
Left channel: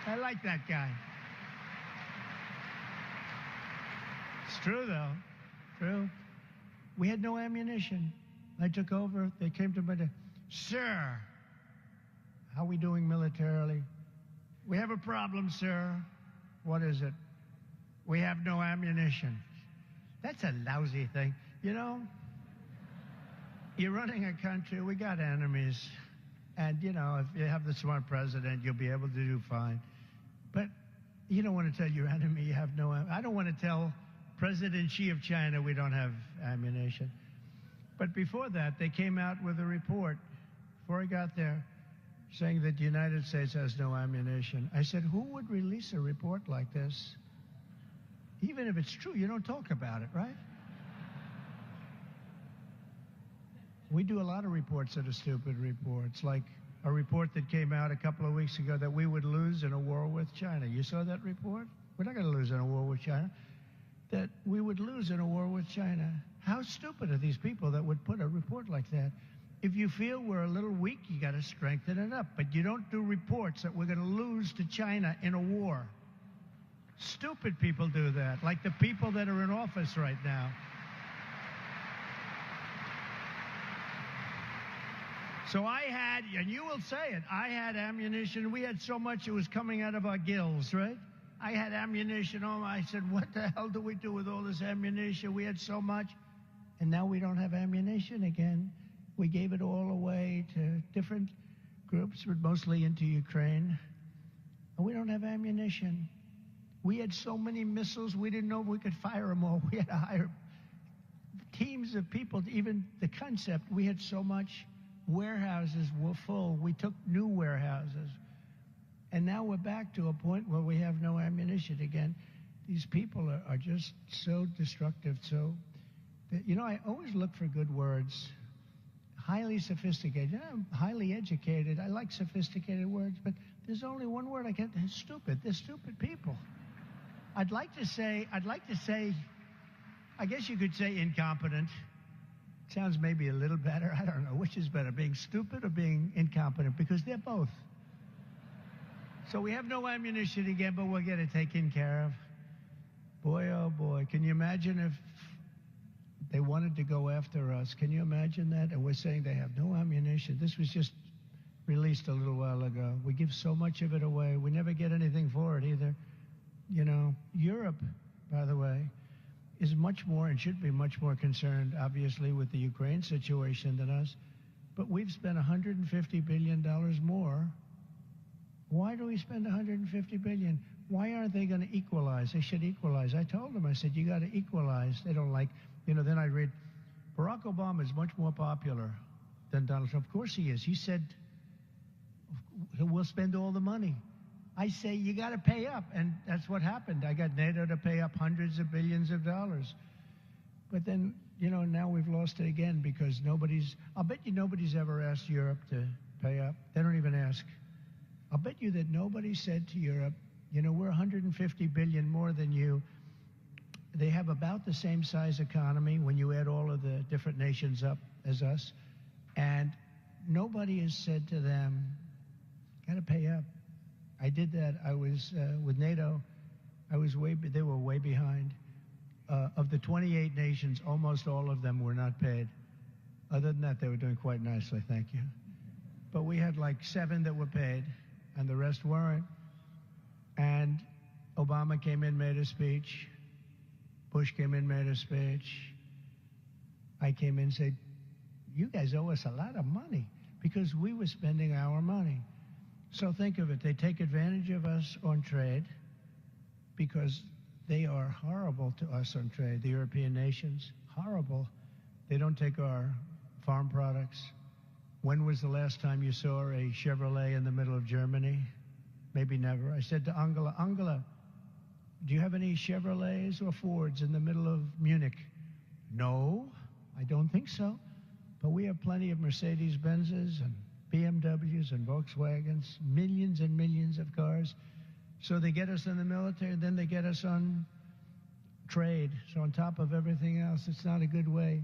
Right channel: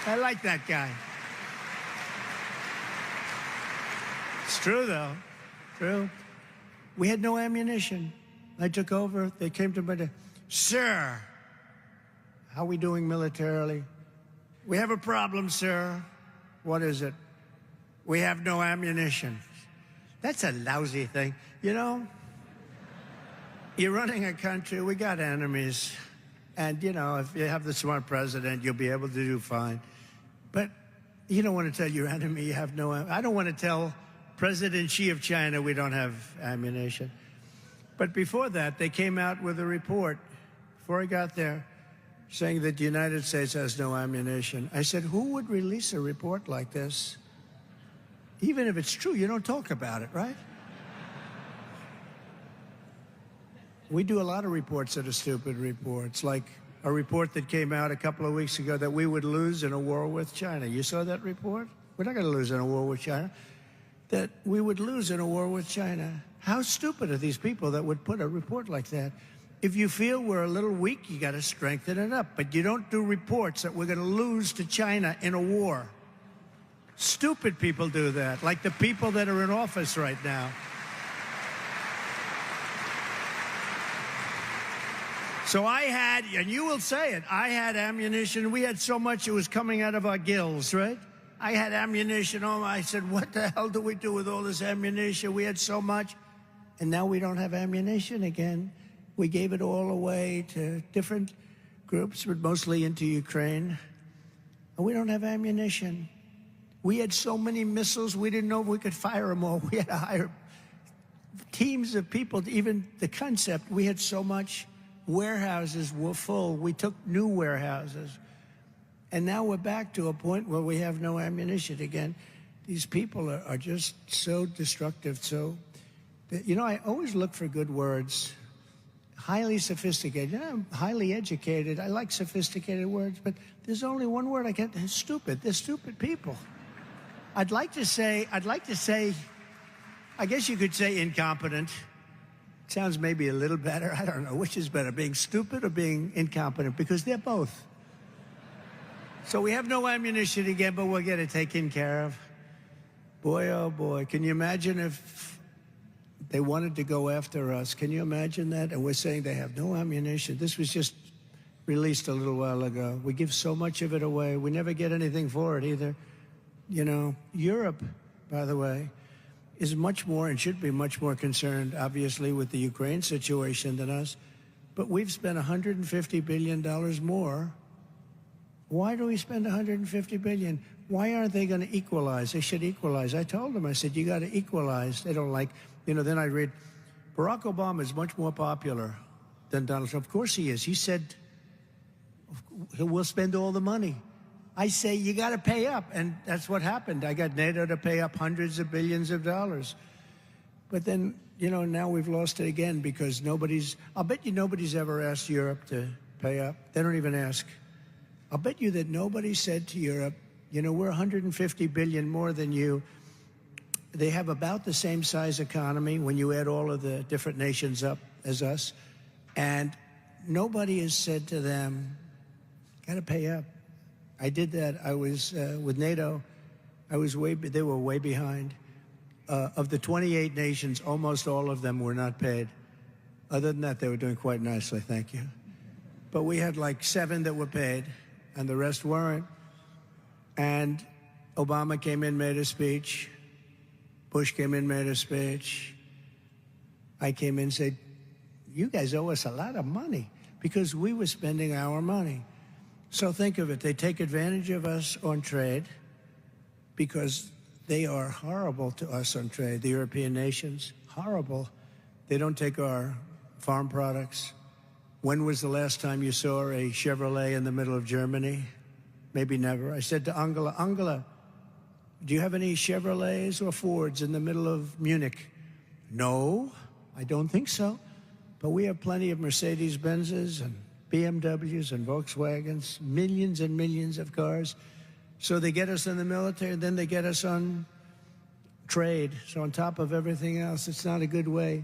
I like that guy. It's true, though. True. We had no ammunition. I took over. They came to me, sir, how are we doing militarily? We have a problem, sir. What is it? We have no ammunition. That's a lousy thing. You know, you're running a country. We got enemies. And, you know, if you have the smart president, you'll be able to do fine. you don't want to tell your enemy you have no. I don't want to tell President Xi of China we don't have ammunition. But before that, they came out with a report, before I got there, saying that the United States has no ammunition. I said, who would release a report like this? Even if it's true, you don't talk about it, right? We do a lot of reports that are stupid reports, like a report that came out a couple of weeks ago that we would lose in a war with China. You saw that report? We're not going to lose in a war with China. That we would lose in a war with China. How stupid are these people that would put a report like that? If you feel we're a little weak, you got to strengthen it up. But you don't do reports that we're going to lose to China in a war. Stupid people do that, like the people that are in office right now. So I had, and you will say it, I had ammunition. We had so much it was coming out of our gills, right? I had ammunition. Oh, I said, what the hell do we do with all this ammunition? We had so much. And now we don't have ammunition again. We gave it all away to different groups, but mostly into Ukraine. And we don't have ammunition. We had so many missiles, we didn't know if we could fire them all. We had to hire teams of people, even the concept. We had so much. Warehouses were full. We took new warehouses. And now we're back to a point where we have no ammunition again. These people are just so destructive. So, you know, I always look for good words. Highly sophisticated. You know, I'm highly educated. I like sophisticated words, but there's only one word I get. Stupid. They're stupid people. I'd like to say, I guess you could say incompetent. Sounds maybe a little better. I don't know. Which is better, being stupid or being incompetent? Because they're both. So we have no ammunition again, but we'll get it taken care of. Boy, oh boy. Can you imagine if they wanted to go after us? Can you imagine that? And we're saying they have no ammunition. This was just released a little while ago. We give so much of it away. We never get anything for it either. You know, Europe, by the way, is much more and should be much more concerned, obviously, with the Ukraine situation than us. But we've spent $150 billion more. Why do we spend $150 billion? Why aren't they going to equalize? They should equalize. I told them, I said, you got to equalize. They don't like, you know, then I read, Barack Obama is much more popular than Donald Trump. Of course he is. He said, we'll spend all the money. I say, you got to pay up. And that's what happened. I got NATO to pay up hundreds of billions of dollars. But then, you know, now we've lost it again because I'll bet you nobody's ever asked Europe to pay up. They don't even ask. I'll bet you that nobody said to Europe, you know, we're 150 billion more than you. They have about the same size economy when you add all of the different nations up as us. And nobody has said to them, got to pay up. I did that. I was with NATO. They were way behind. Of the 28 nations, almost all of them were not paid. Other than that, they were doing quite nicely, thank you. But we had like 7 that were paid, and the rest weren't. And Obama came in, made a speech. Bush came in, made a speech. I came in and said, you guys owe us a lot of money because we were spending our money. So think of it. They take advantage of us on trade because they are horrible to us on trade, the European nations. Horrible. They don't take our farm products. When was the last time you saw a Chevrolet in the middle of Germany? Maybe never. I said to Angela, do you have any Chevrolets or Fords in the middle of Munich? No, I don't think so. But we have plenty of Mercedes-Benzes and BMWs and Volkswagens, millions and millions of cars. So they get us in the military, and then they get us on trade. So on top of everything else, it's not a good way.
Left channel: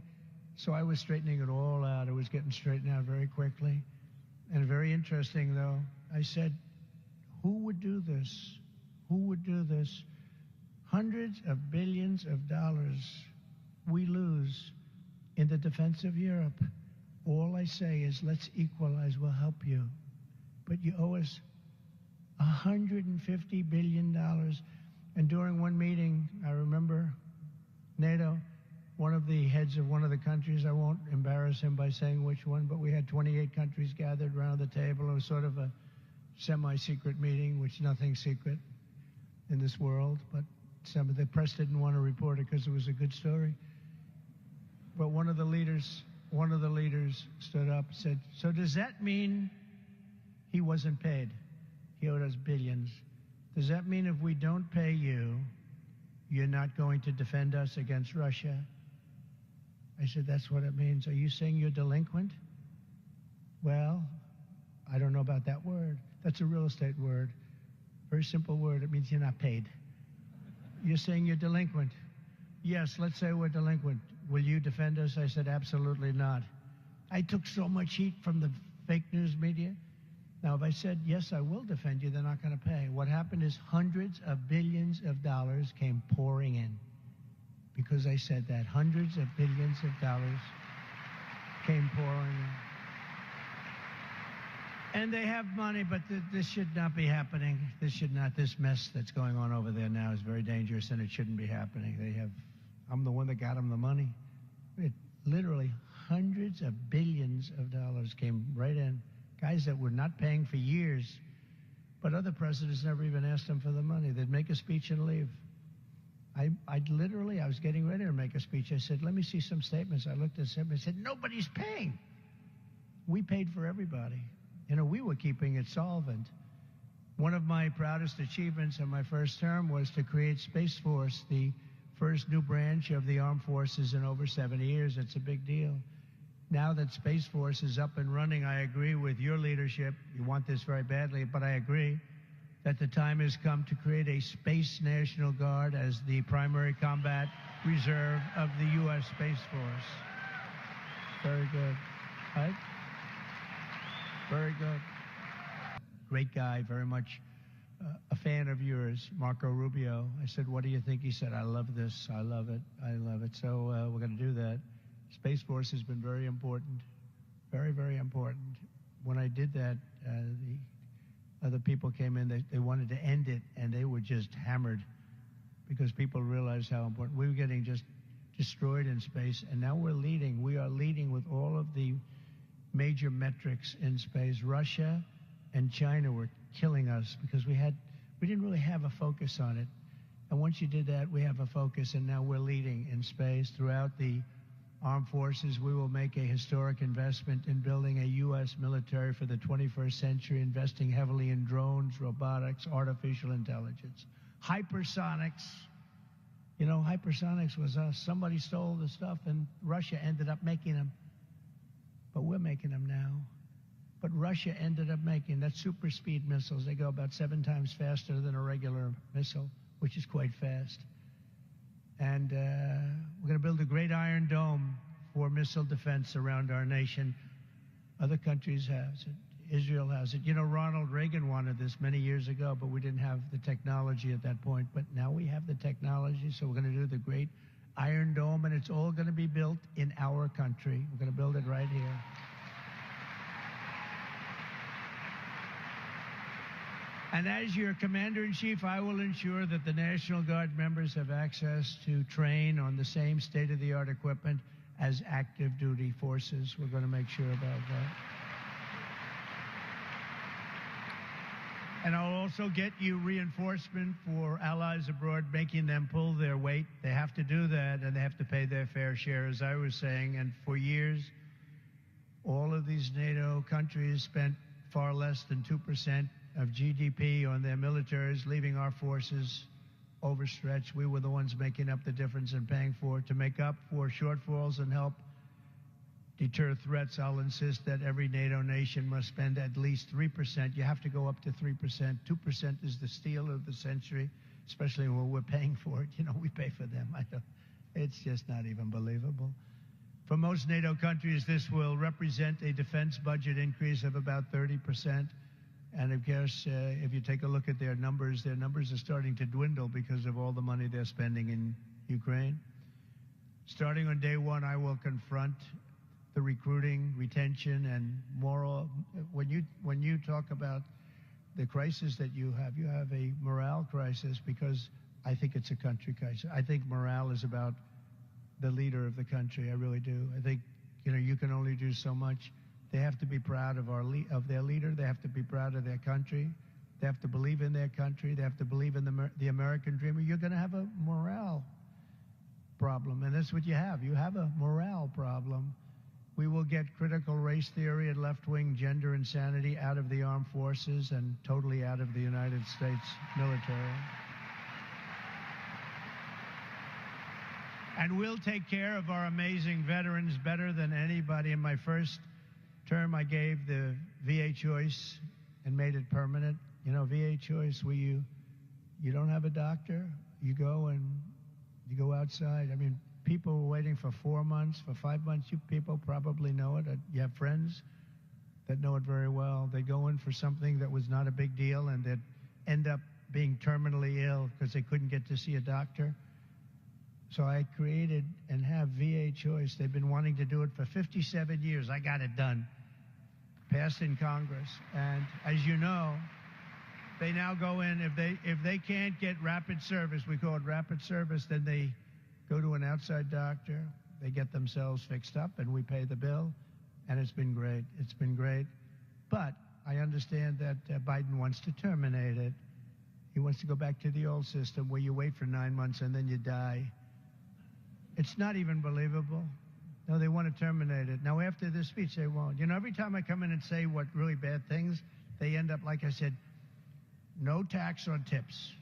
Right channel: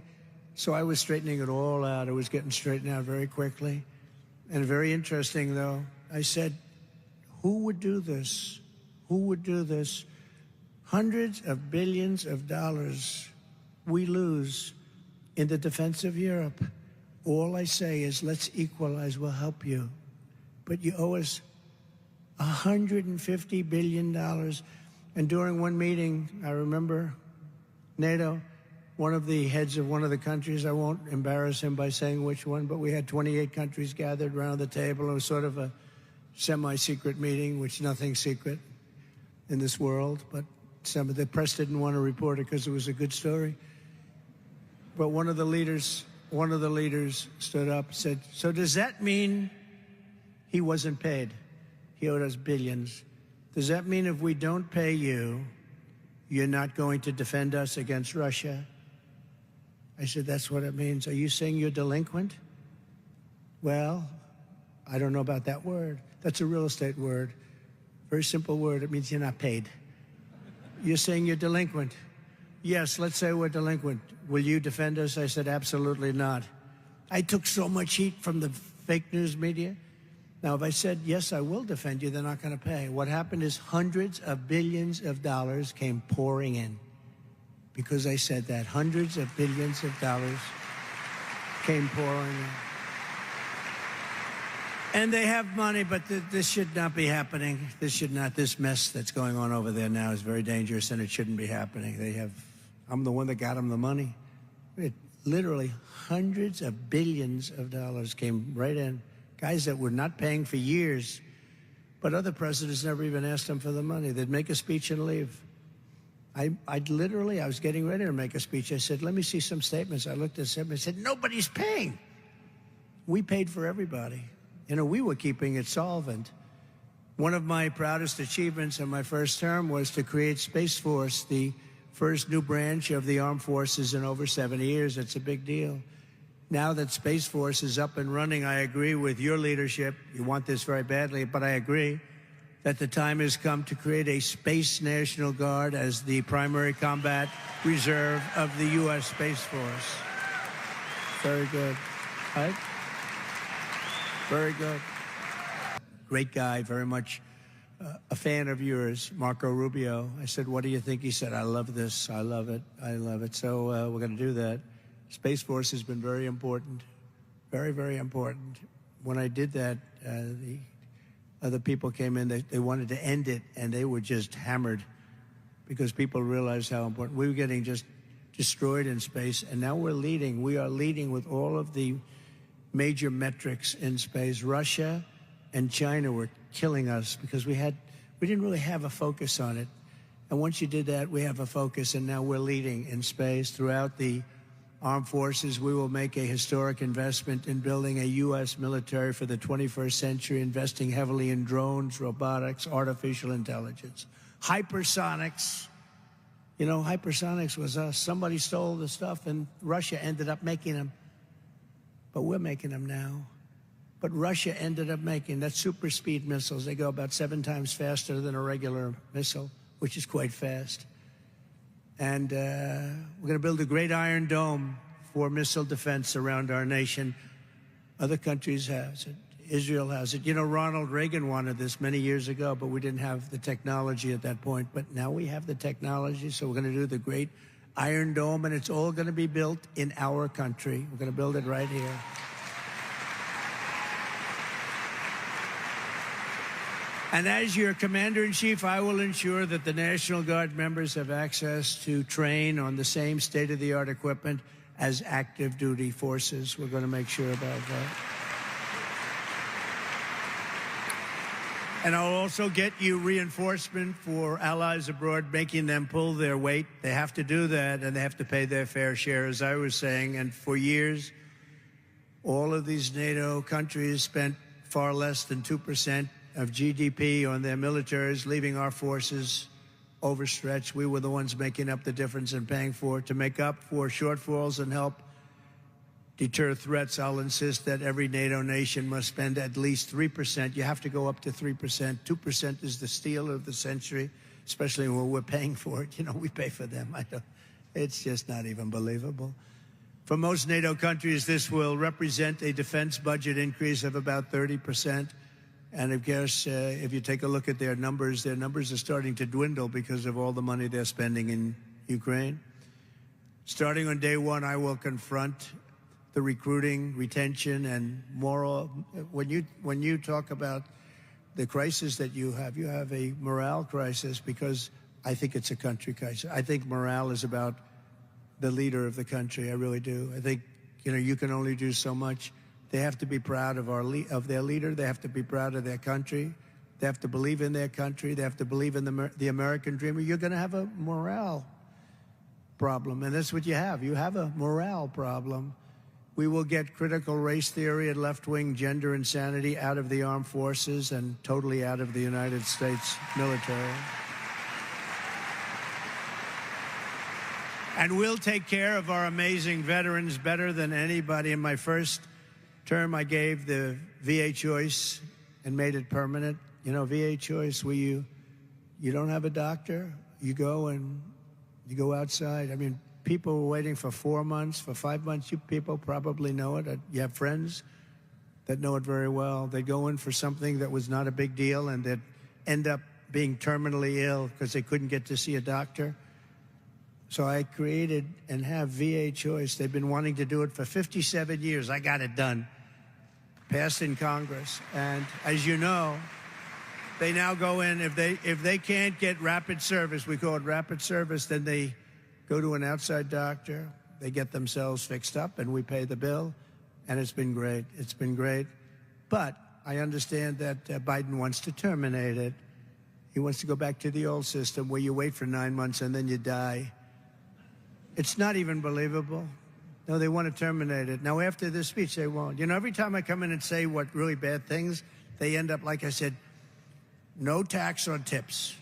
So I was straightening it all out. It was getting straightened out very quickly. And very interesting, though, I said, who would do this? Who would do this? Hundreds of billions of dollars we lose in the defense of Europe. All I say is, let's equalize, we'll help you. But you owe us $150 billion. And during one meeting, I remember NATO, one of the heads of one of the countries, I won't embarrass him by saying which one, but we had 28 countries gathered around the table. It was sort of a semi-secret meeting, which nothing secret. in this world, but some of the press didn't want to report it because it was a good story. But one of the leaders stood up and said, "So does that mean he wasn't paid? He owed us billions. Does that mean if we don't pay you, you're not going to defend us against Russia?" I said, "That's what it means. Are you saying you're delinquent?" "Well, I don't know about that word. That's a real estate word. Very simple word. It means you're not paid." "You're saying you're delinquent?" "Yes, let's say we're delinquent. Will you defend us?" I said, "Absolutely not." I took so much heat from the fake news media. Now, if I said, "Yes, I will defend you," they're not going to pay. What happened is hundreds of billions of dollars came pouring in because I said that. Hundreds of billions of dollars came pouring in. And they have money, but this should not be happening. This mess that's going on over there now is very dangerous, and it shouldn't be happening. I'm the one that got them the money. Literally hundreds of billions of dollars came right in. Guys that were not paying for years, but other presidents never even asked them for the money. They'd make a speech and leave. I was getting ready to make a speech. I said, "Let me see some statements." I looked at them and said, "Nobody's paying." We paid for everybody. We were keeping it solvent. One of my proudest achievements in my first term was to create Space Force, the first new branch of the armed forces in over 70 years. It's a big deal. Now that Space Force is up and running, I agree with your leadership. You want this very badly, but I agree that the time has come to create a Space National Guard as the primary combat reserve of the U.S. Space Force. Very good. Right? Very good. Great guy, very much a fan of yours, Marco Rubio. I said, "What do you think?" He said, "I love this. I love it. I love it." So we're going to do that. Space Force has been very important, very, very important. When I did that, the other people came in. They wanted to end it, and they were just hammered because people realized how important. We were getting just destroyed in space, and now we're leading. We are leading with all of the major metrics in space. Russia and China were killing us because we didn't really have a focus on it. And once you did that, we have a focus, and now we're leading in space. Throughout the armed forces, we will make a historic investment in building a U.S. military for the 21st century, investing heavily in drones, robotics, artificial intelligence, hypersonics. Hypersonics was us. Somebody stole the stuff, and Russia ended up making them. But we're making them now. But Russia ended up making that super speed missiles. They go about 7 times faster than a regular missile, which is quite fast. And we're going to build a great Iron Dome for missile defense around our nation. Other countries have it. Israel has it. Ronald Reagan wanted this many years ago, but we didn't have the technology at that point. But now we have the technology, so we're going to do the great Iron Dome, and it's all going to be built in our country. We're going to build it right here. And as your commander-in-chief, I will ensure that the National Guard members have access to train on the same state-of-the-art equipment as active duty forces. We're going to make sure about that. And I'll also get you reinforcement for allies abroad, making them pull their weight. They have to do that, and they have to pay their fair share, as I was saying. And for years, all of these NATO countries spent far less than 2% of GDP on their militaries, leaving our forces overstretched. We were the ones making up the difference and paying for it. To make up for shortfalls and help deter threats, I'll insist that every NATO nation must spend at least 3%. You have to go up to 3%. 2% is the steal of the century, especially when we're paying for it. We pay for them. It's just not even believable. For most NATO countries, this will represent a defense budget increase of about 30%. And of course, if you take a look at their numbers are starting to dwindle because of all the money they're spending in Ukraine. Starting on day one, I will confront the recruiting, retention, and moral. When you talk about the crisis that you have a morale crisis, because I think it's a country crisis. I think morale is about the leader of the country. I really do. I think you can only do so much. They have to be proud of their leader. They have to be proud of their country. They have to believe in their country. They have to believe in the American dream, or you're going to have a morale problem. And that's what you have. You have a morale problem. We will get critical race theory and left-wing gender insanity out of the armed forces and totally out of the United States military. And we'll take care of our amazing veterans better than anybody. In my first term, I gave the VA choice and made it permanent. You know, VA choice, where you don't have a doctor, you go outside. I mean, people were waiting for 4 months, for 5 months. You people probably know it. You have friends that know it very well. They go in for something that was not a big deal and that end up being terminally ill because they couldn't get to see a doctor. So I created and have VA choice. They've been wanting to do it for 57 years. I got it done, passed in Congress. And as you know, they now go in, if they can't get rapid service, we call it rapid service, then they go to an outside doctor, they get themselves fixed up, and we pay the bill. And it's been great. It's been great. But I understand that Biden wants to terminate it. He wants to go back to the old system where you wait for 9 months and then you die. It's not even believable. No, they want to terminate it. Now, after this speech, they won't. You know, every time I come in and say what really bad things, they end up, like I said, no tax on tips.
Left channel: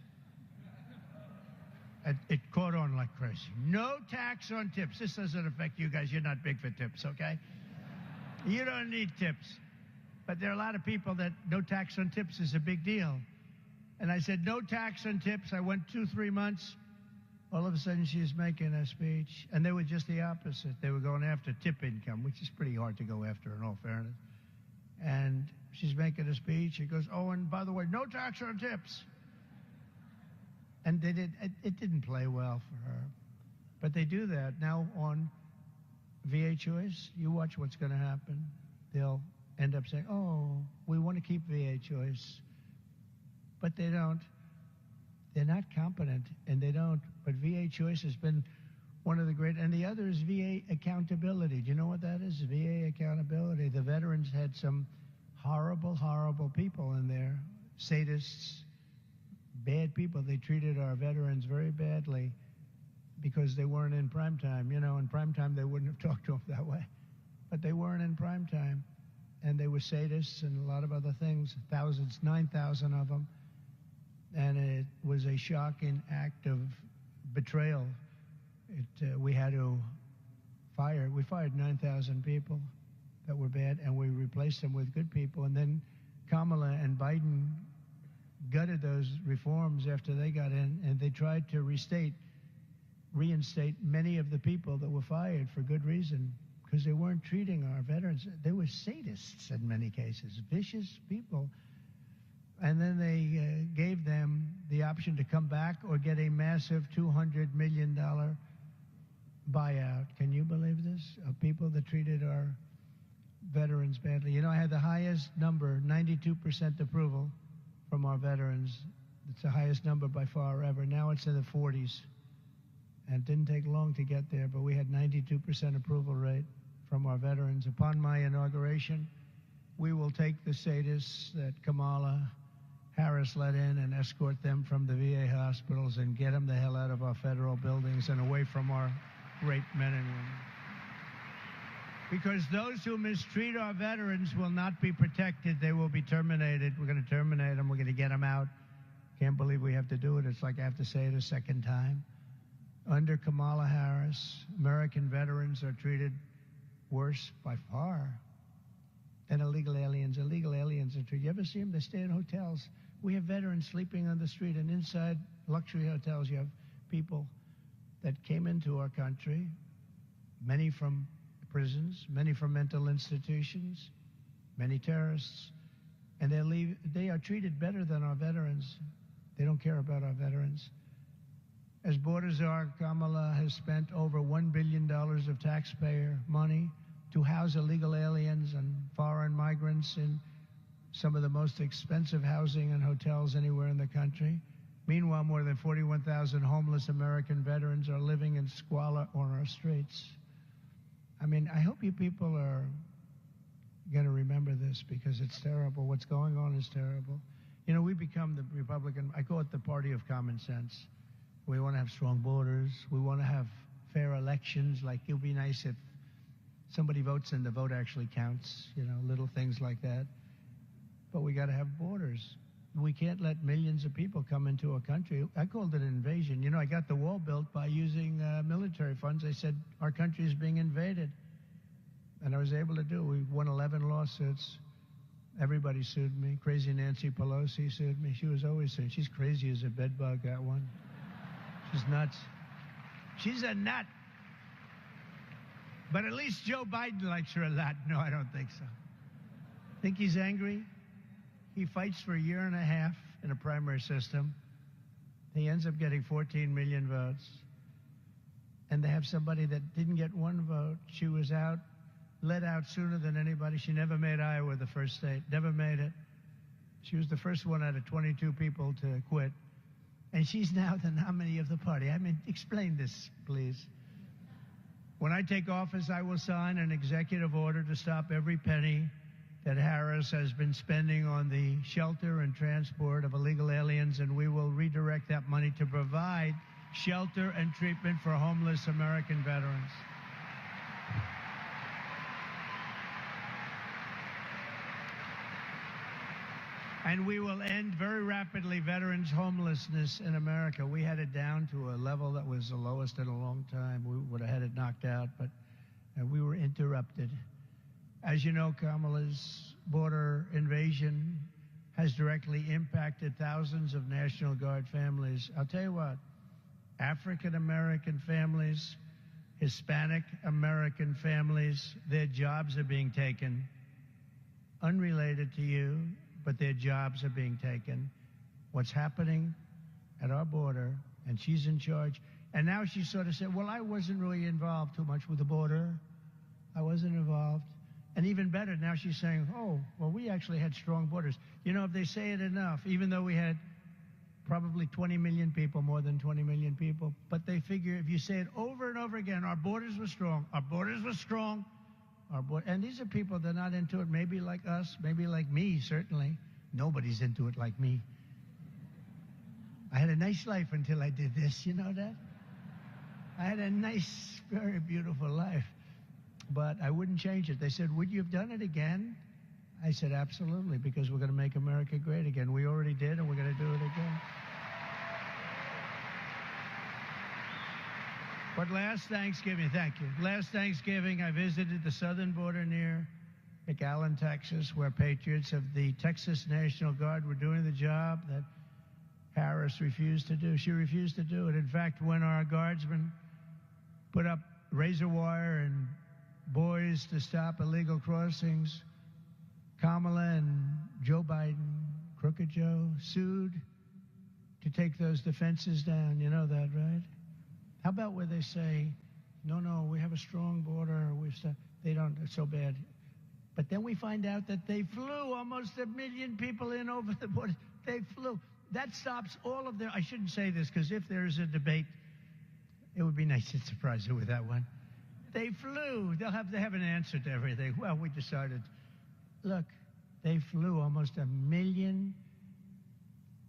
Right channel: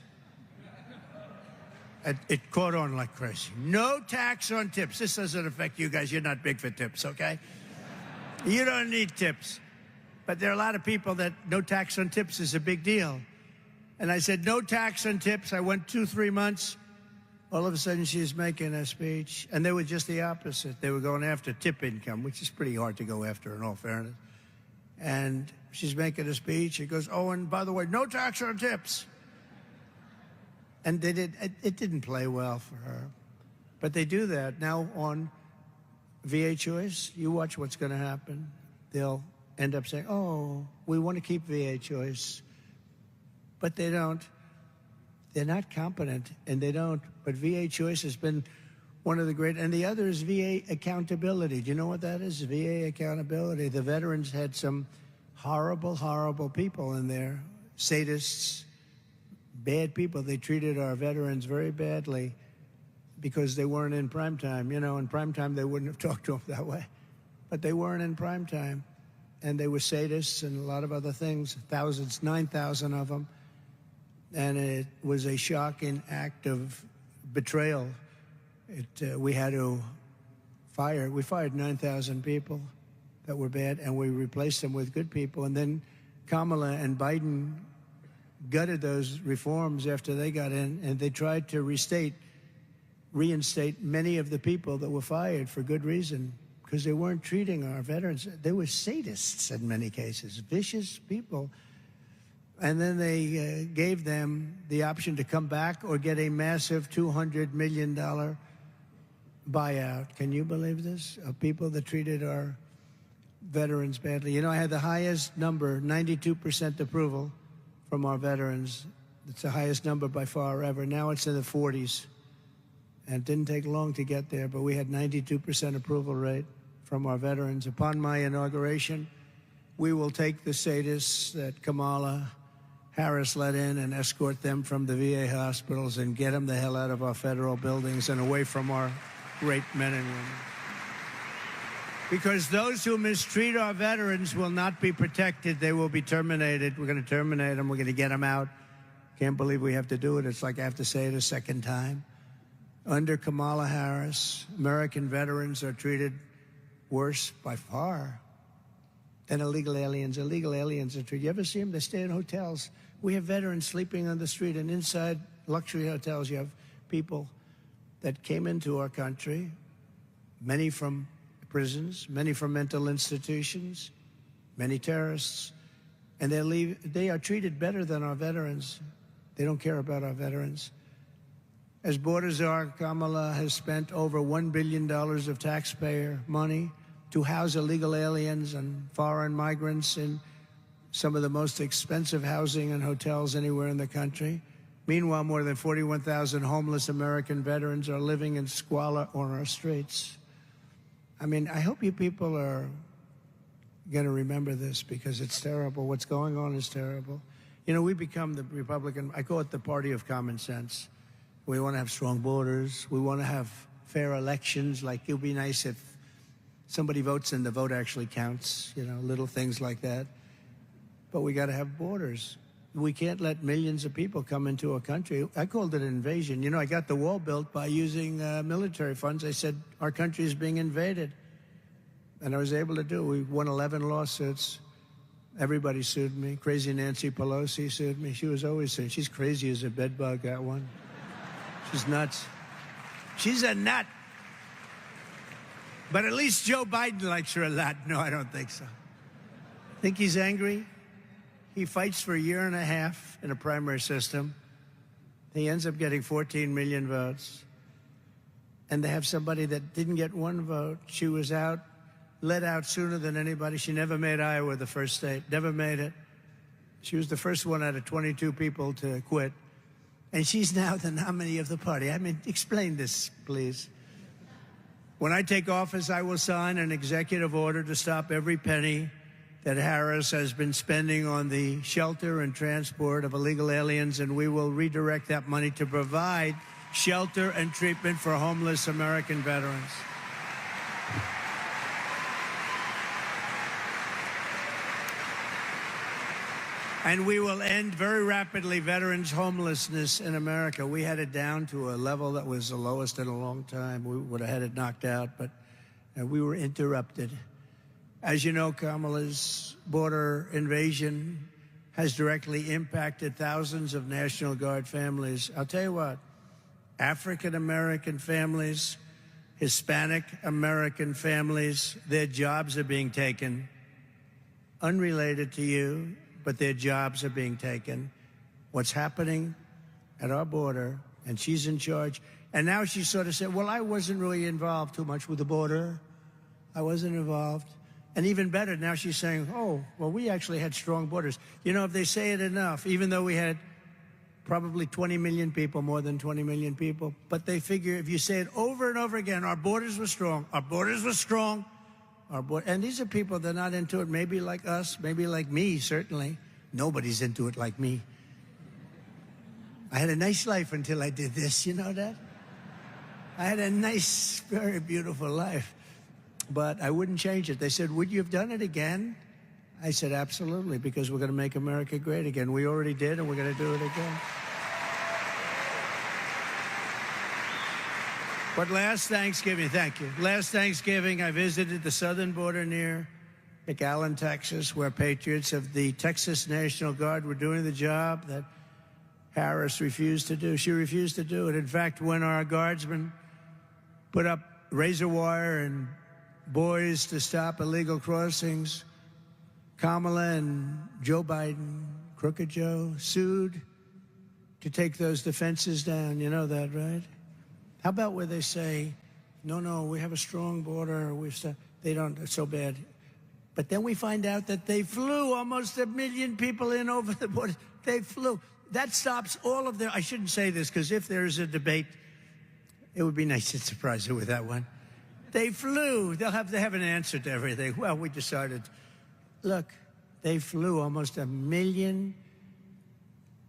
It caught on like crazy. No tax on tips. This doesn't affect you guys. You're not big for tips, okay? You don't need tips. But there are a lot of people that no tax on tips is a big deal. And I said, no tax on tips. I went 2-3 months. All of a sudden, she's making a speech. And they were just the opposite. They were going after tip income, which is pretty hard to go after, in all fairness. And she's making a speech. She goes, oh, and by the way, no tax on tips. And it didn't play well for her. But they do that. Now on VA choice, you watch what's going to happen. They'll end up saying, oh, we want to keep VA choice. But they don't. They're not competent, and they don't. But VA choice has been one of the great, and the other is VA accountability. Do you know what that is? VA accountability. The veterans had some horrible, horrible people in there, sadists, bad people. They treated our veterans very badly because they weren't in prime time. You know, in prime time, they wouldn't have talked to them that way. But they weren't in prime time. And they were sadists and a lot of other things, thousands, 9,000 of them. And it was a shocking act of betrayal. We had to fire. We fired 9,000 people that were bad, and we replaced them with good people. And then Kamala and Biden gutted those reforms after they got in, and they tried to reinstate many of the people that were fired for good reason, because they weren't treating our veterans. They were sadists in many cases, vicious people. And then they gave them the option to come back or get a massive $200 million buyout. Can you believe this? Of people that treated our veterans badly. You know, I had the highest number, 92% approval from our veterans. It's the highest number by far ever. Now it's in the 40s. And it didn't take long to get there, but we had 92% approval rate from our veterans. Upon my inauguration, we will take the sadists that Kamala Harris let in and escort them from the VA hospitals and get them the hell out of our federal buildings and away from our great men and women. Because those who mistreat our veterans will not be protected. They will be terminated. We're going to terminate them. We're going to get them out. Can't believe we have to do it. It's like I have to say it a second time. Under Kamala Harris, American veterans are treated worse by far than illegal aliens. Illegal aliens are treated. You ever see them? They stay in hotels. We have veterans sleeping on the street, and inside luxury hotels, you have people that came into our country, many from prisons, many from mental institutions, many terrorists, and they are treated better than our veterans. They don't care about our veterans. As borders are, Kamala has spent over $1 billion of taxpayer money to house illegal aliens and foreign migrants in some of the most expensive housing and hotels anywhere in the country. Meanwhile, more than 41,000 homeless American veterans are living in squalor on our streets. I mean, I hope you people are going to remember this, because it's terrible. What's going on is terrible. You know, we become the Republican, I call it the party of common sense. We want to have strong borders. We want to have fair elections. Like, it would be nice if somebody votes and the vote actually counts, you know, little things like that. But we got to have borders. We can't let millions of people come into a country. I called it an invasion. You know, I got the wall built by using military funds. I said, our country is being invaded. And I was able to do it. We won 11 lawsuits. Everybody sued me. Crazy Nancy Pelosi sued me. She was always saying, she's crazy as a bedbug, that one. She's nuts. She's a nut. But at least Joe Biden likes her a lot. No, I don't think so. Think he's angry? He fights for a year and a half in a primary system. He ends up getting 14 million votes. And they have somebody that didn't get one vote. She was out, let out sooner than anybody. She never made Iowa the first state, never made it. She was the first one out of 22 people to quit. And she's now the nominee of the party. I mean, explain this, please. When I take office, I will sign an executive order to stop every penny that Harris has been spending on the shelter and transport of illegal aliens, and we will redirect that money to provide shelter and treatment for homeless American veterans. And we will end very rapidly veterans' homelessness in America. We had it down to a level that was the lowest in a long time. We would have had it knocked out, but we were interrupted. As you know, Kamala's border invasion has directly impacted thousands of National Guard families. I'll tell you what, African-American families, Hispanic-American families, their jobs are being taken. Unrelated to you, but their jobs are being taken. What's happening at our border, and she's in charge. And now she sort of said, well, I wasn't really involved too much with the border. I wasn't involved. And even better, now she's saying, oh, well, we actually had strong borders. You know, if they say it enough, even though we had probably 20 million people, more than 20 million people, but they figure if you say it over and over again, our borders were strong, our borders were strong, and these are people that are not into it, maybe like us, maybe like me, certainly. Nobody's into it like me. I had a nice life until I did this, you know that? I had a nice, very beautiful life. But I wouldn't change it. They said, would you have done it again? I said, absolutely, because we're going to make America great again. We already did, and we're going to do it again. But last Thanksgiving, thank you. Last Thanksgiving, I visited the southern border near McAllen, Texas, where patriots of the Texas National Guard were doing the job that Harris refused to do. She refused to do it. In fact, when our guardsmen put up razor wire and buoys to stop illegal crossings, Kamala and Joe Biden, Crooked Joe, sued to take those defenses down. You know that, right? How about where they say, no, we have a strong border, they don't, it's so bad. But then we find out that they flew almost 1 million people in over the border. They flew. That stops all of their, I shouldn't say this, because if there's a debate, it would be nice to surprise her with that one. They flew. They have an answer to everything. Well, we decided, look, they flew almost 1 million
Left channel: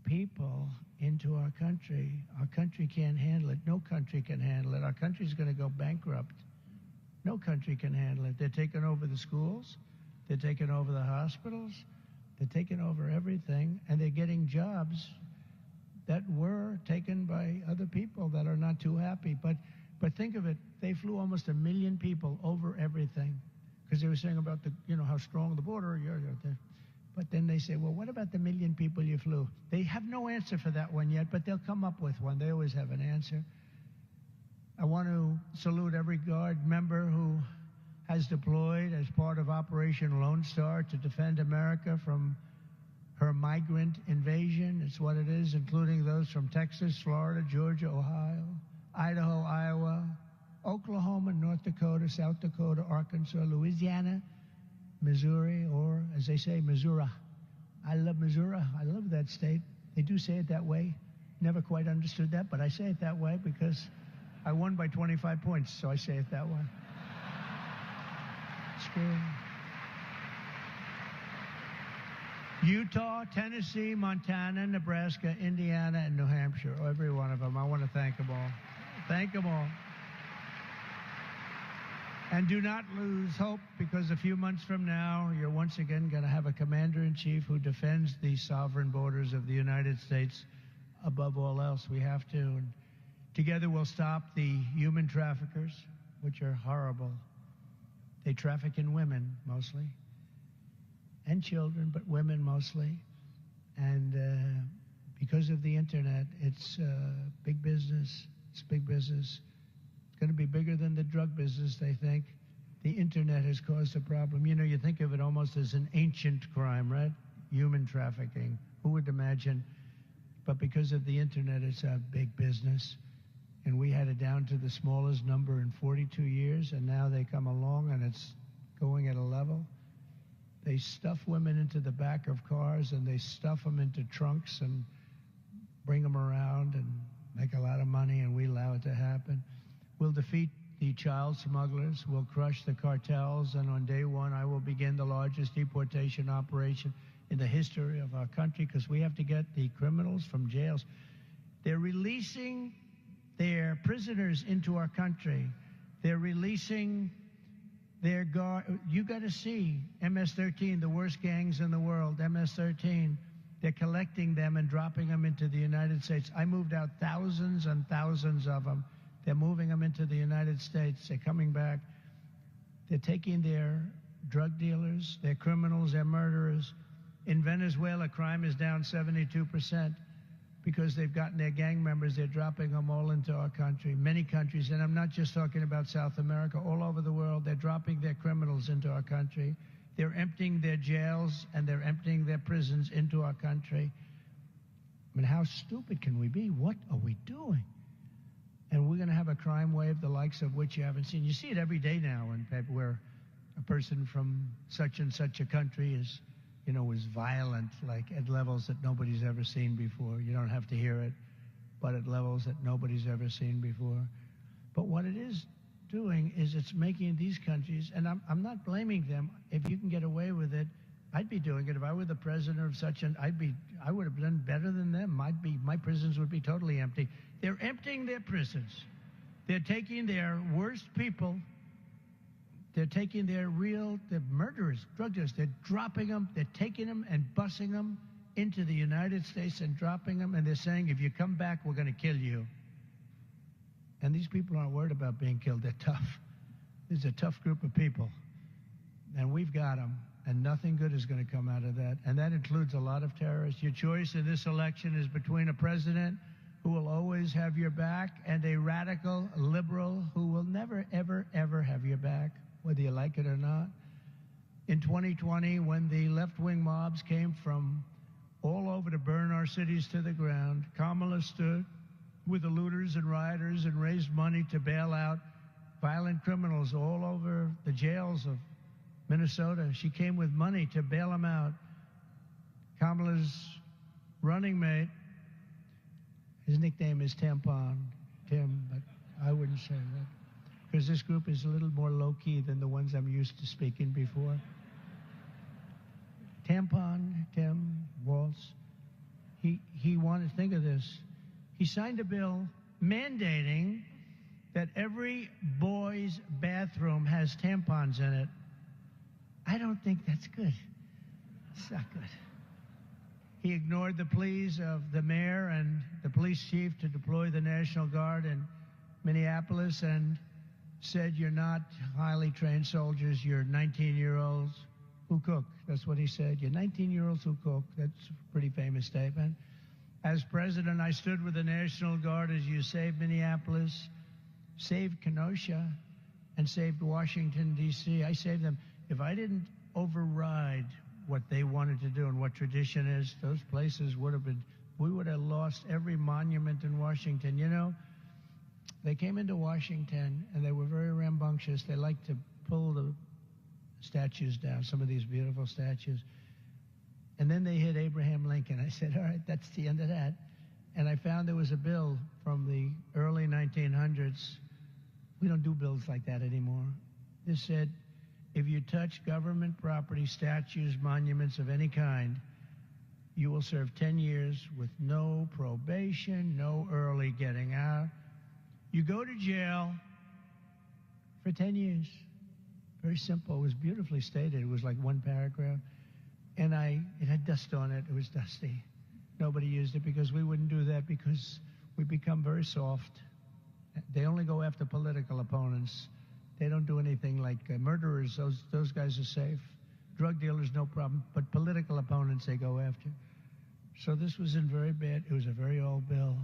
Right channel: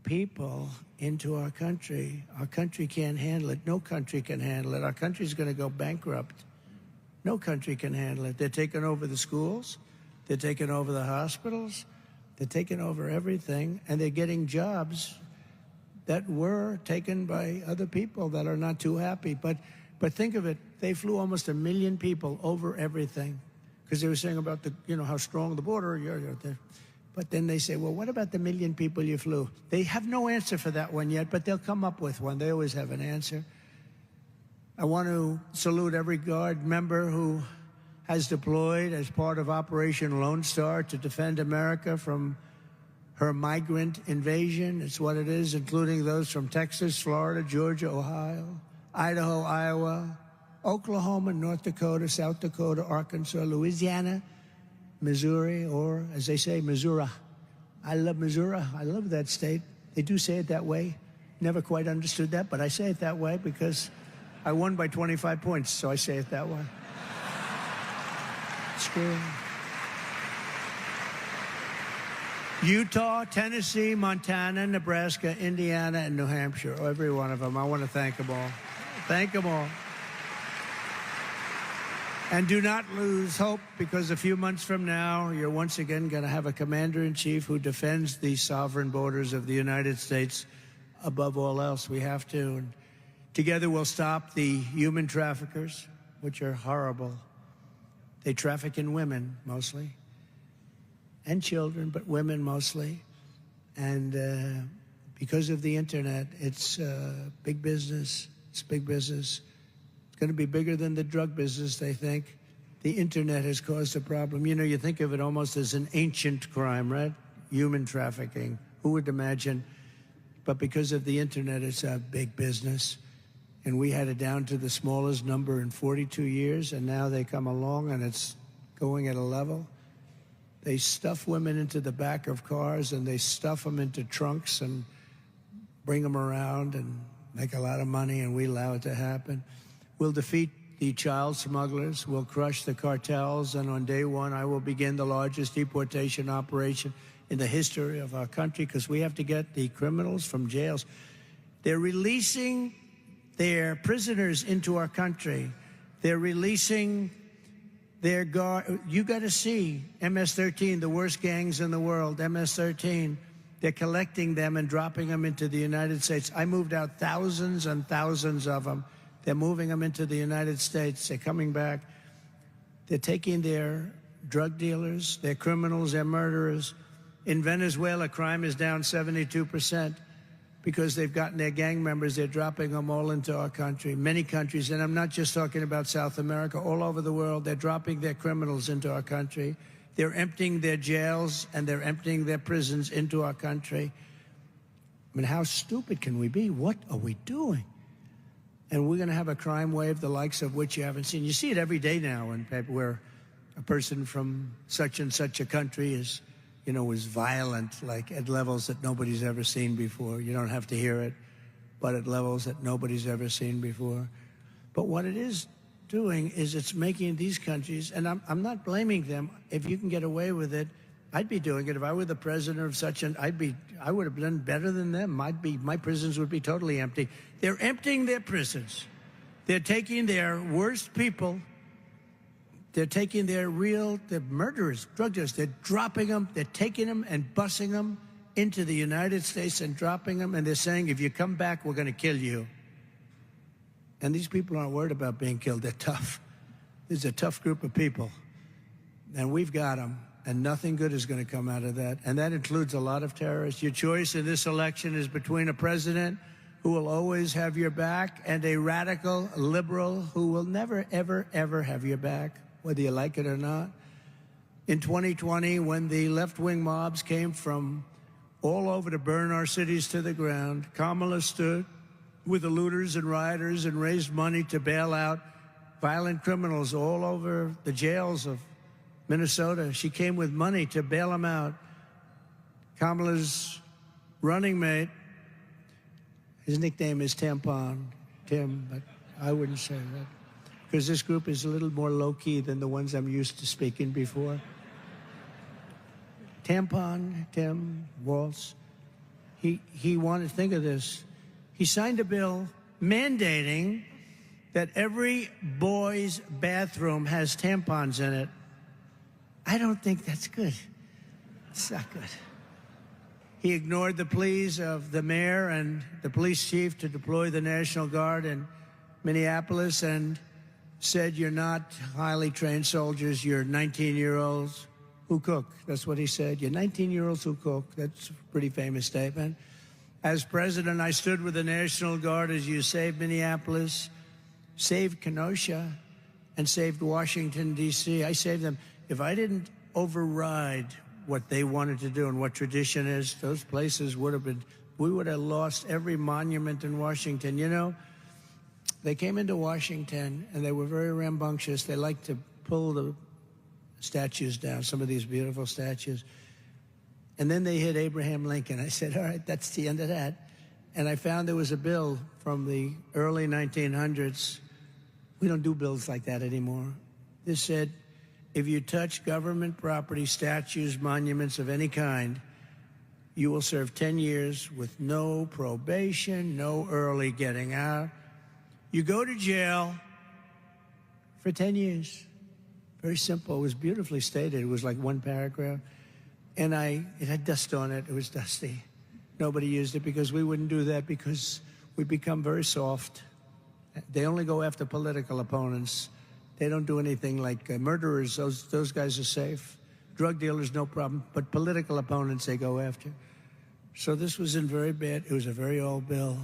people into our country. Our country can't handle it. No country can handle it. Our country's going to go bankrupt. No country can handle it. They're taking over the schools. They're taking over the hospitals. They're taking over everything, and they're getting jobs that were taken by other people that are not too happy. But think of it, they flew almost 1 million people over everything because they were saying about how strong the border. But then they say, well, what about the 1 million people you flew? They have no answer for that one yet, but they'll come up with one. They always have an answer. I want to salute every Guard member who has deployed as part of Operation Lone Star to defend America from her migrant invasion. It's what it is, including those from Texas, Florida, Georgia, Ohio, Idaho, Iowa, Oklahoma, North Dakota, South Dakota, Arkansas, Louisiana, Missouri, or as they say, Missouri. I love Missouri. I love that state. They do say it that way. Never quite understood that, but I say it that way because I won by 25 points, so I say it that way. It's true. Utah, Tennessee, Montana, Nebraska, Indiana, and New Hampshire. Every one of them. I want to thank them all. Thank them all. And do not lose hope, because a few months from now, you're once again going to have a commander-in-chief who defends the sovereign borders of the United States above all else. We have to. And together we'll stop the human traffickers, which are horrible. They traffic in women, mostly, and children, but women mostly. And because of the internet, it's big business. It's big business. It's going to be bigger than the drug business, they think. The internet has caused a problem. You know, you think of it almost as an ancient crime, right? Human trafficking. Who would imagine? But because of the internet, it's a big business. And we had it down to the smallest number in 42 years, and now they come along and it's going at a level. They stuff women into the back of cars, and they stuff them into trunks and bring them around and make a lot of money, and we allow it to happen. We'll defeat the child smugglers. We'll crush the cartels. And on day one, I will begin the largest deportation operation in the history of our country, because we have to get the criminals from jails. They're releasing their prisoners into our country. They're releasing their guard. You got to see MS-13, the worst gangs in the world, MS-13. They're collecting them and dropping them into the United States. I moved out thousands and thousands of them. They're moving them into the United States. They're coming back. They're taking their drug dealers, their criminals, their murderers. In Venezuela, crime is down 72% because they've gotten their gang members. They're dropping them all into our country. Many countries, and I'm not just talking about South America, all over the world, they're dropping their criminals into our country. They're emptying their jails and they're emptying their prisons into our country. I mean, how stupid can we be? What are we doing? And we're going to have a crime wave, the likes of which you haven't seen. You see it every day now in paper where a person from such and such a country is, you know, is violent, like at levels that nobody's ever seen before. You don't have to hear it, but at levels that nobody's ever seen before. But what it is doing is it's making these countries, and I'm not blaming them. If you can get away with it, I'd be doing it. If I were the president of such an, I would have done better than them. My prisons would be totally empty. They're emptying their prisons. They're taking their worst people. They're taking their murderers, drug dealers. They're dropping them. They're taking them and busing them into the United States and dropping them. And they're saying, if you come back, we're going to kill you. And these people aren't worried about being killed. They're tough. This is a tough group of people. And we've got them. And nothing good is going to come out of that. And that includes a lot of terrorists. Your choice in this election is between a president who will always have your back and a radical liberal who will never, ever, ever have your back, whether you like it or not. In 2020, when the left-wing mobs came from all over to burn our cities to the ground, Kamala stood with the looters and rioters and raised money to bail out violent criminals all over the jails of Minnesota. She came with money to bail them out. Kamala's running mate, his nickname is Tampon, Tim, but I wouldn't say that, because this group is a little more low-key than the ones I'm used to speaking before. Tampon, Tim, Waltz, he wanted to think of this. He signed a bill mandating that every boy's bathroom has tampons in it. I don't think that's good. It's not good. He ignored the pleas of the mayor and the police chief to deploy the National Guard in Minneapolis and said, you're not highly trained soldiers, you're 19-year-olds who cook. That's what he said. You're 19-year-olds who cook. That's a pretty famous statement. As president, I stood with the National Guard as you saved Minneapolis, saved Kenosha, and saved Washington, D.C. I saved them. If I didn't override what they wanted to do and what tradition is, those places would have been, we would have lost every monument in Washington. You know, they came into Washington and they were very rambunctious. They liked to pull the statues down, some of these beautiful statues. And then they hit Abraham Lincoln. I said, all right, that's the end of that. And I found there was a bill from the early 1900s. We don't do bills like that anymore. This said, if you touch government property, statues, monuments of any kind, You will serve 10 years with no probation, no early getting out. You go to jail for 10 years. Very simple. It was beautifully stated. It was like one paragraph. And it had dust on it. It was dusty. Nobody used it because we wouldn't do that because we become very soft. They only go after political opponents. They don't do anything like murderers. Those guys are safe. Drug dealers, no problem. But political opponents, they go after. So this was in very bad. It was a very old bill.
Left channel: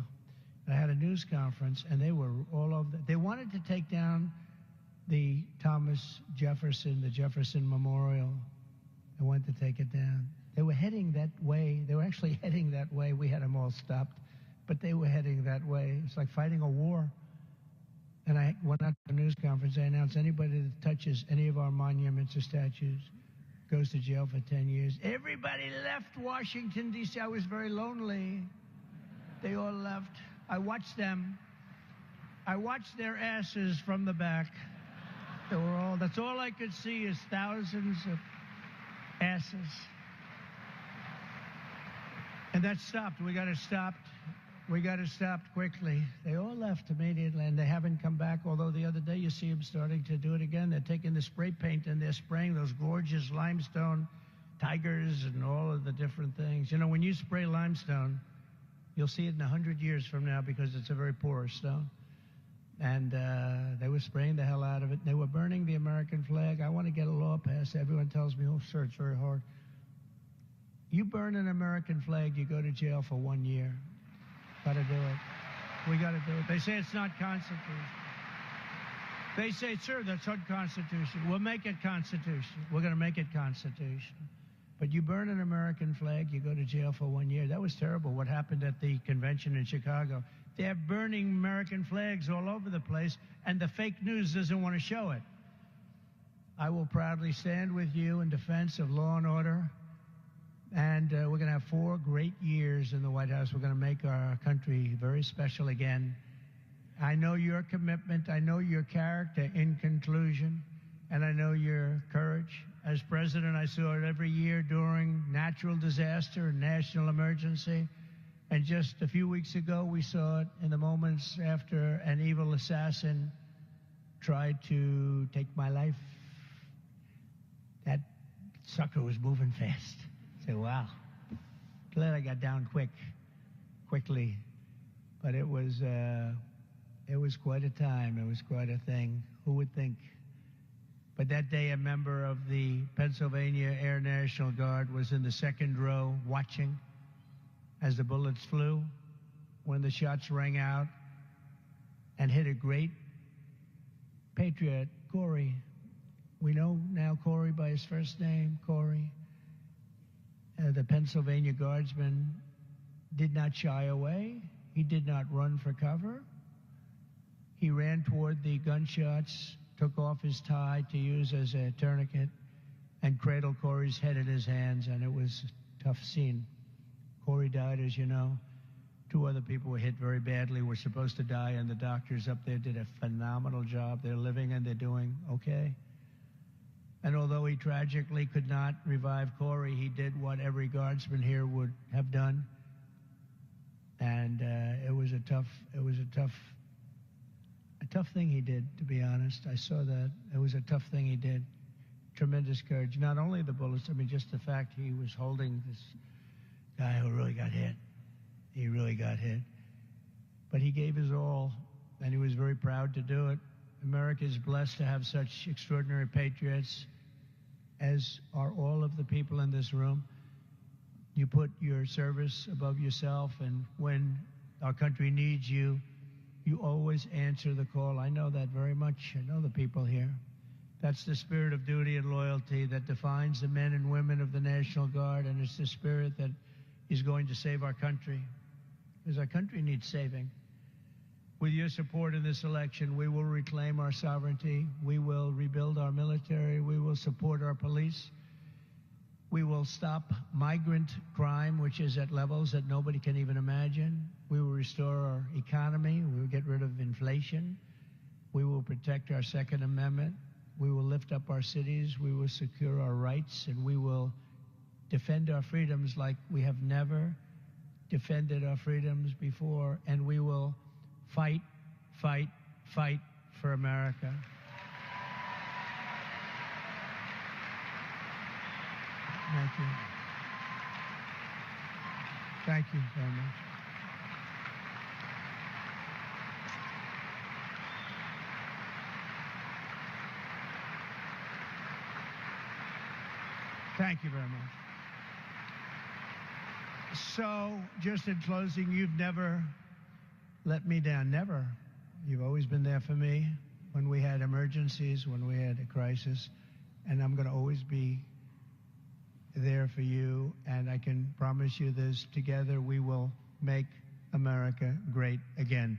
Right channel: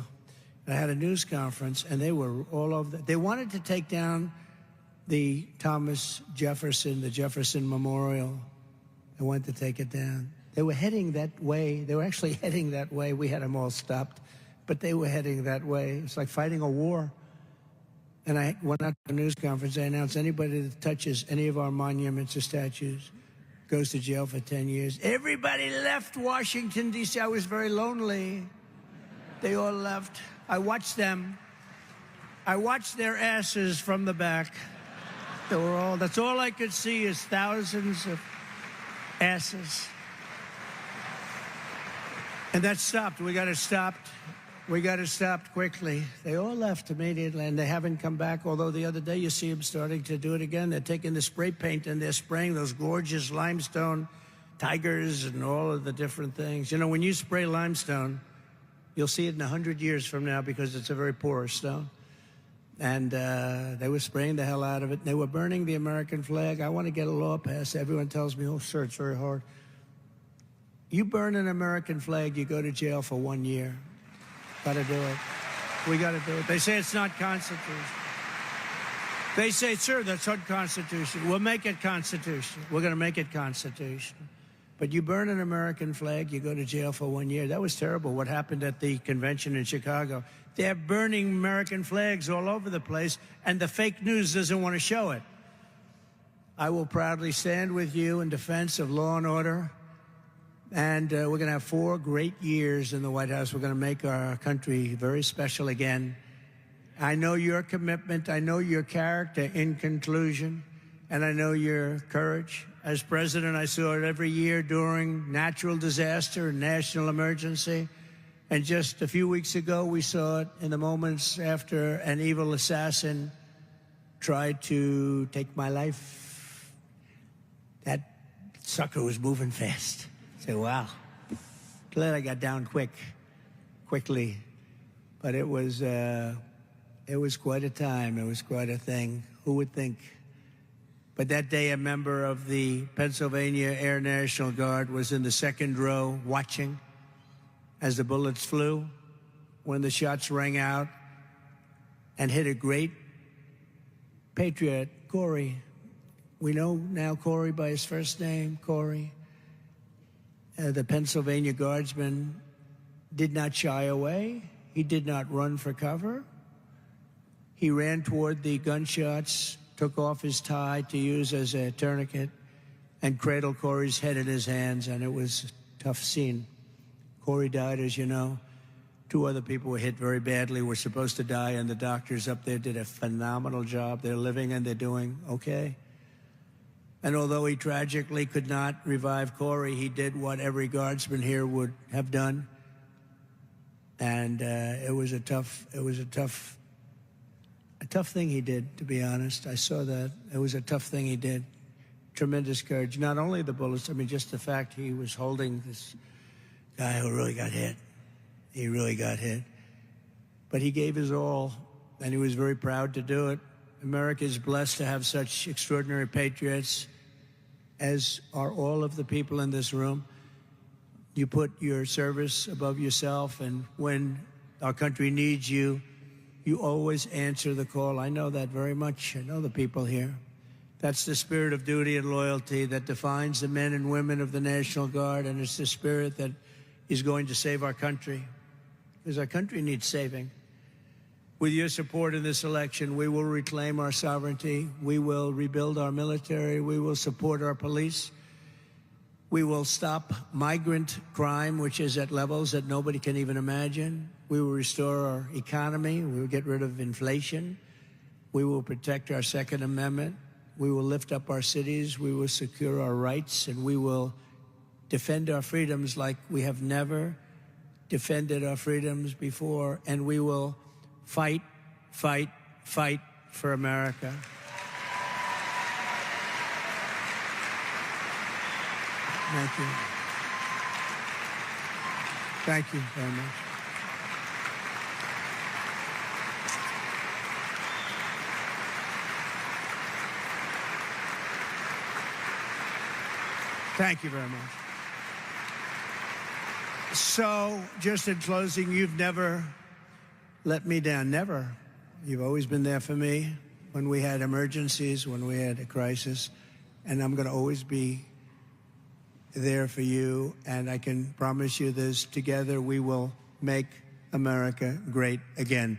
I had a news conference, and they were all over. They wanted to take down the Thomas Jefferson, the Jefferson Memorial. They wanted to take it down. They were heading that way. They were actually heading that way. We had them all stopped, but they were heading that way. It's like fighting a war. And I went out to a news conference. I announced anybody that touches any of our monuments or statues goes to jail for 10 years. Everybody left Washington, D.C. I was very lonely. They all left. I watched them. I watched their asses from the back. They were all, that's all I could see is thousands of asses. And that stopped. We got to stop. We got to stop quickly. They all left immediately, and they haven't come back, although the other day you see them starting to do it again. They're taking the spray paint and they're spraying those gorgeous limestone tigers and all of the different things. You know, when you spray limestone, you'll see it in 100 years from now because it's a very porous stone. And they were spraying the hell out of it. They were burning the American flag. I want to get a law passed. Everyone tells me, oh, sir, it's very hard. You burn an American flag, you go to jail for 1 year. Got to do it. We got to do it. They say it's not constitutional. They say, sir, that's unconstitutional. We'll make it constitutional. We're going to make it constitutional. But you burn an American flag, you go to jail for 1 year. That was terrible, what happened at the convention in Chicago. They're burning American flags all over the place, and the fake news doesn't want to show it. I will proudly stand with you in defense of law and order. And we're going to have 4 great years in the White House. We're going to make our country very special again. I know your commitment. I know your character in conclusion. And I know your courage. As president, I saw it every year during natural disaster and national emergency. And just a few weeks ago, we saw it in the moments after an evil assassin tried to take my life. That sucker was moving fast. I said, wow, glad I got down quickly. But it was quite a time. It was quite a thing. Who would think? But that day, a member of the Pennsylvania Air National Guard was in the second row watching as the bullets flew, when the shots rang out and hit a great patriot, Corey. We know now Corey by his first name, Corey. The Pennsylvania Guardsman did not shy away. He did not run for cover. He ran toward the gunshots, took off his tie to use as a tourniquet, and cradled Corey's head in his hands, and it was a tough scene. Corey died, as you know. 2 other people were hit very badly, were supposed to die, and the doctors up there did a phenomenal job. They're living and they're doing okay. And although he tragically could not revive Corey, he did what every guardsman here would have done. And it was a tough thing he did, to be honest. I saw that. It was a tough thing he did. Tremendous courage. Not only the bullets, I mean, just the fact he was holding this guy who really got hit. He really got hit. But he gave his all, and he was very proud to do it. America is blessed to have such extraordinary patriots, as are all of the people in this room. You put your service above yourself, and when our country needs you, you always answer the call. I know that very much. I know the people here. That's the spirit of duty and loyalty that defines the men and women of the National Guard, and it's the spirit that is going to save our country, because our country needs saving. With your support in this election, we will reclaim our sovereignty. We will rebuild our military. We will support our police. We will stop migrant crime, which is at levels that nobody can even imagine. We will restore our economy. We will get rid of inflation. We will protect our Second Amendment. We will lift up our cities. We will secure our rights, and we will defend our freedoms like we have never defended our freedoms before, and we will fight, fight, fight for America. Thank you. Thank you very much. Thank you very much. So, just in closing, you've never let me down, never. You've always been there for me when we had emergencies, when we had a crisis, and I'm going to always be there for you, and I can promise you this, together we will make America great again.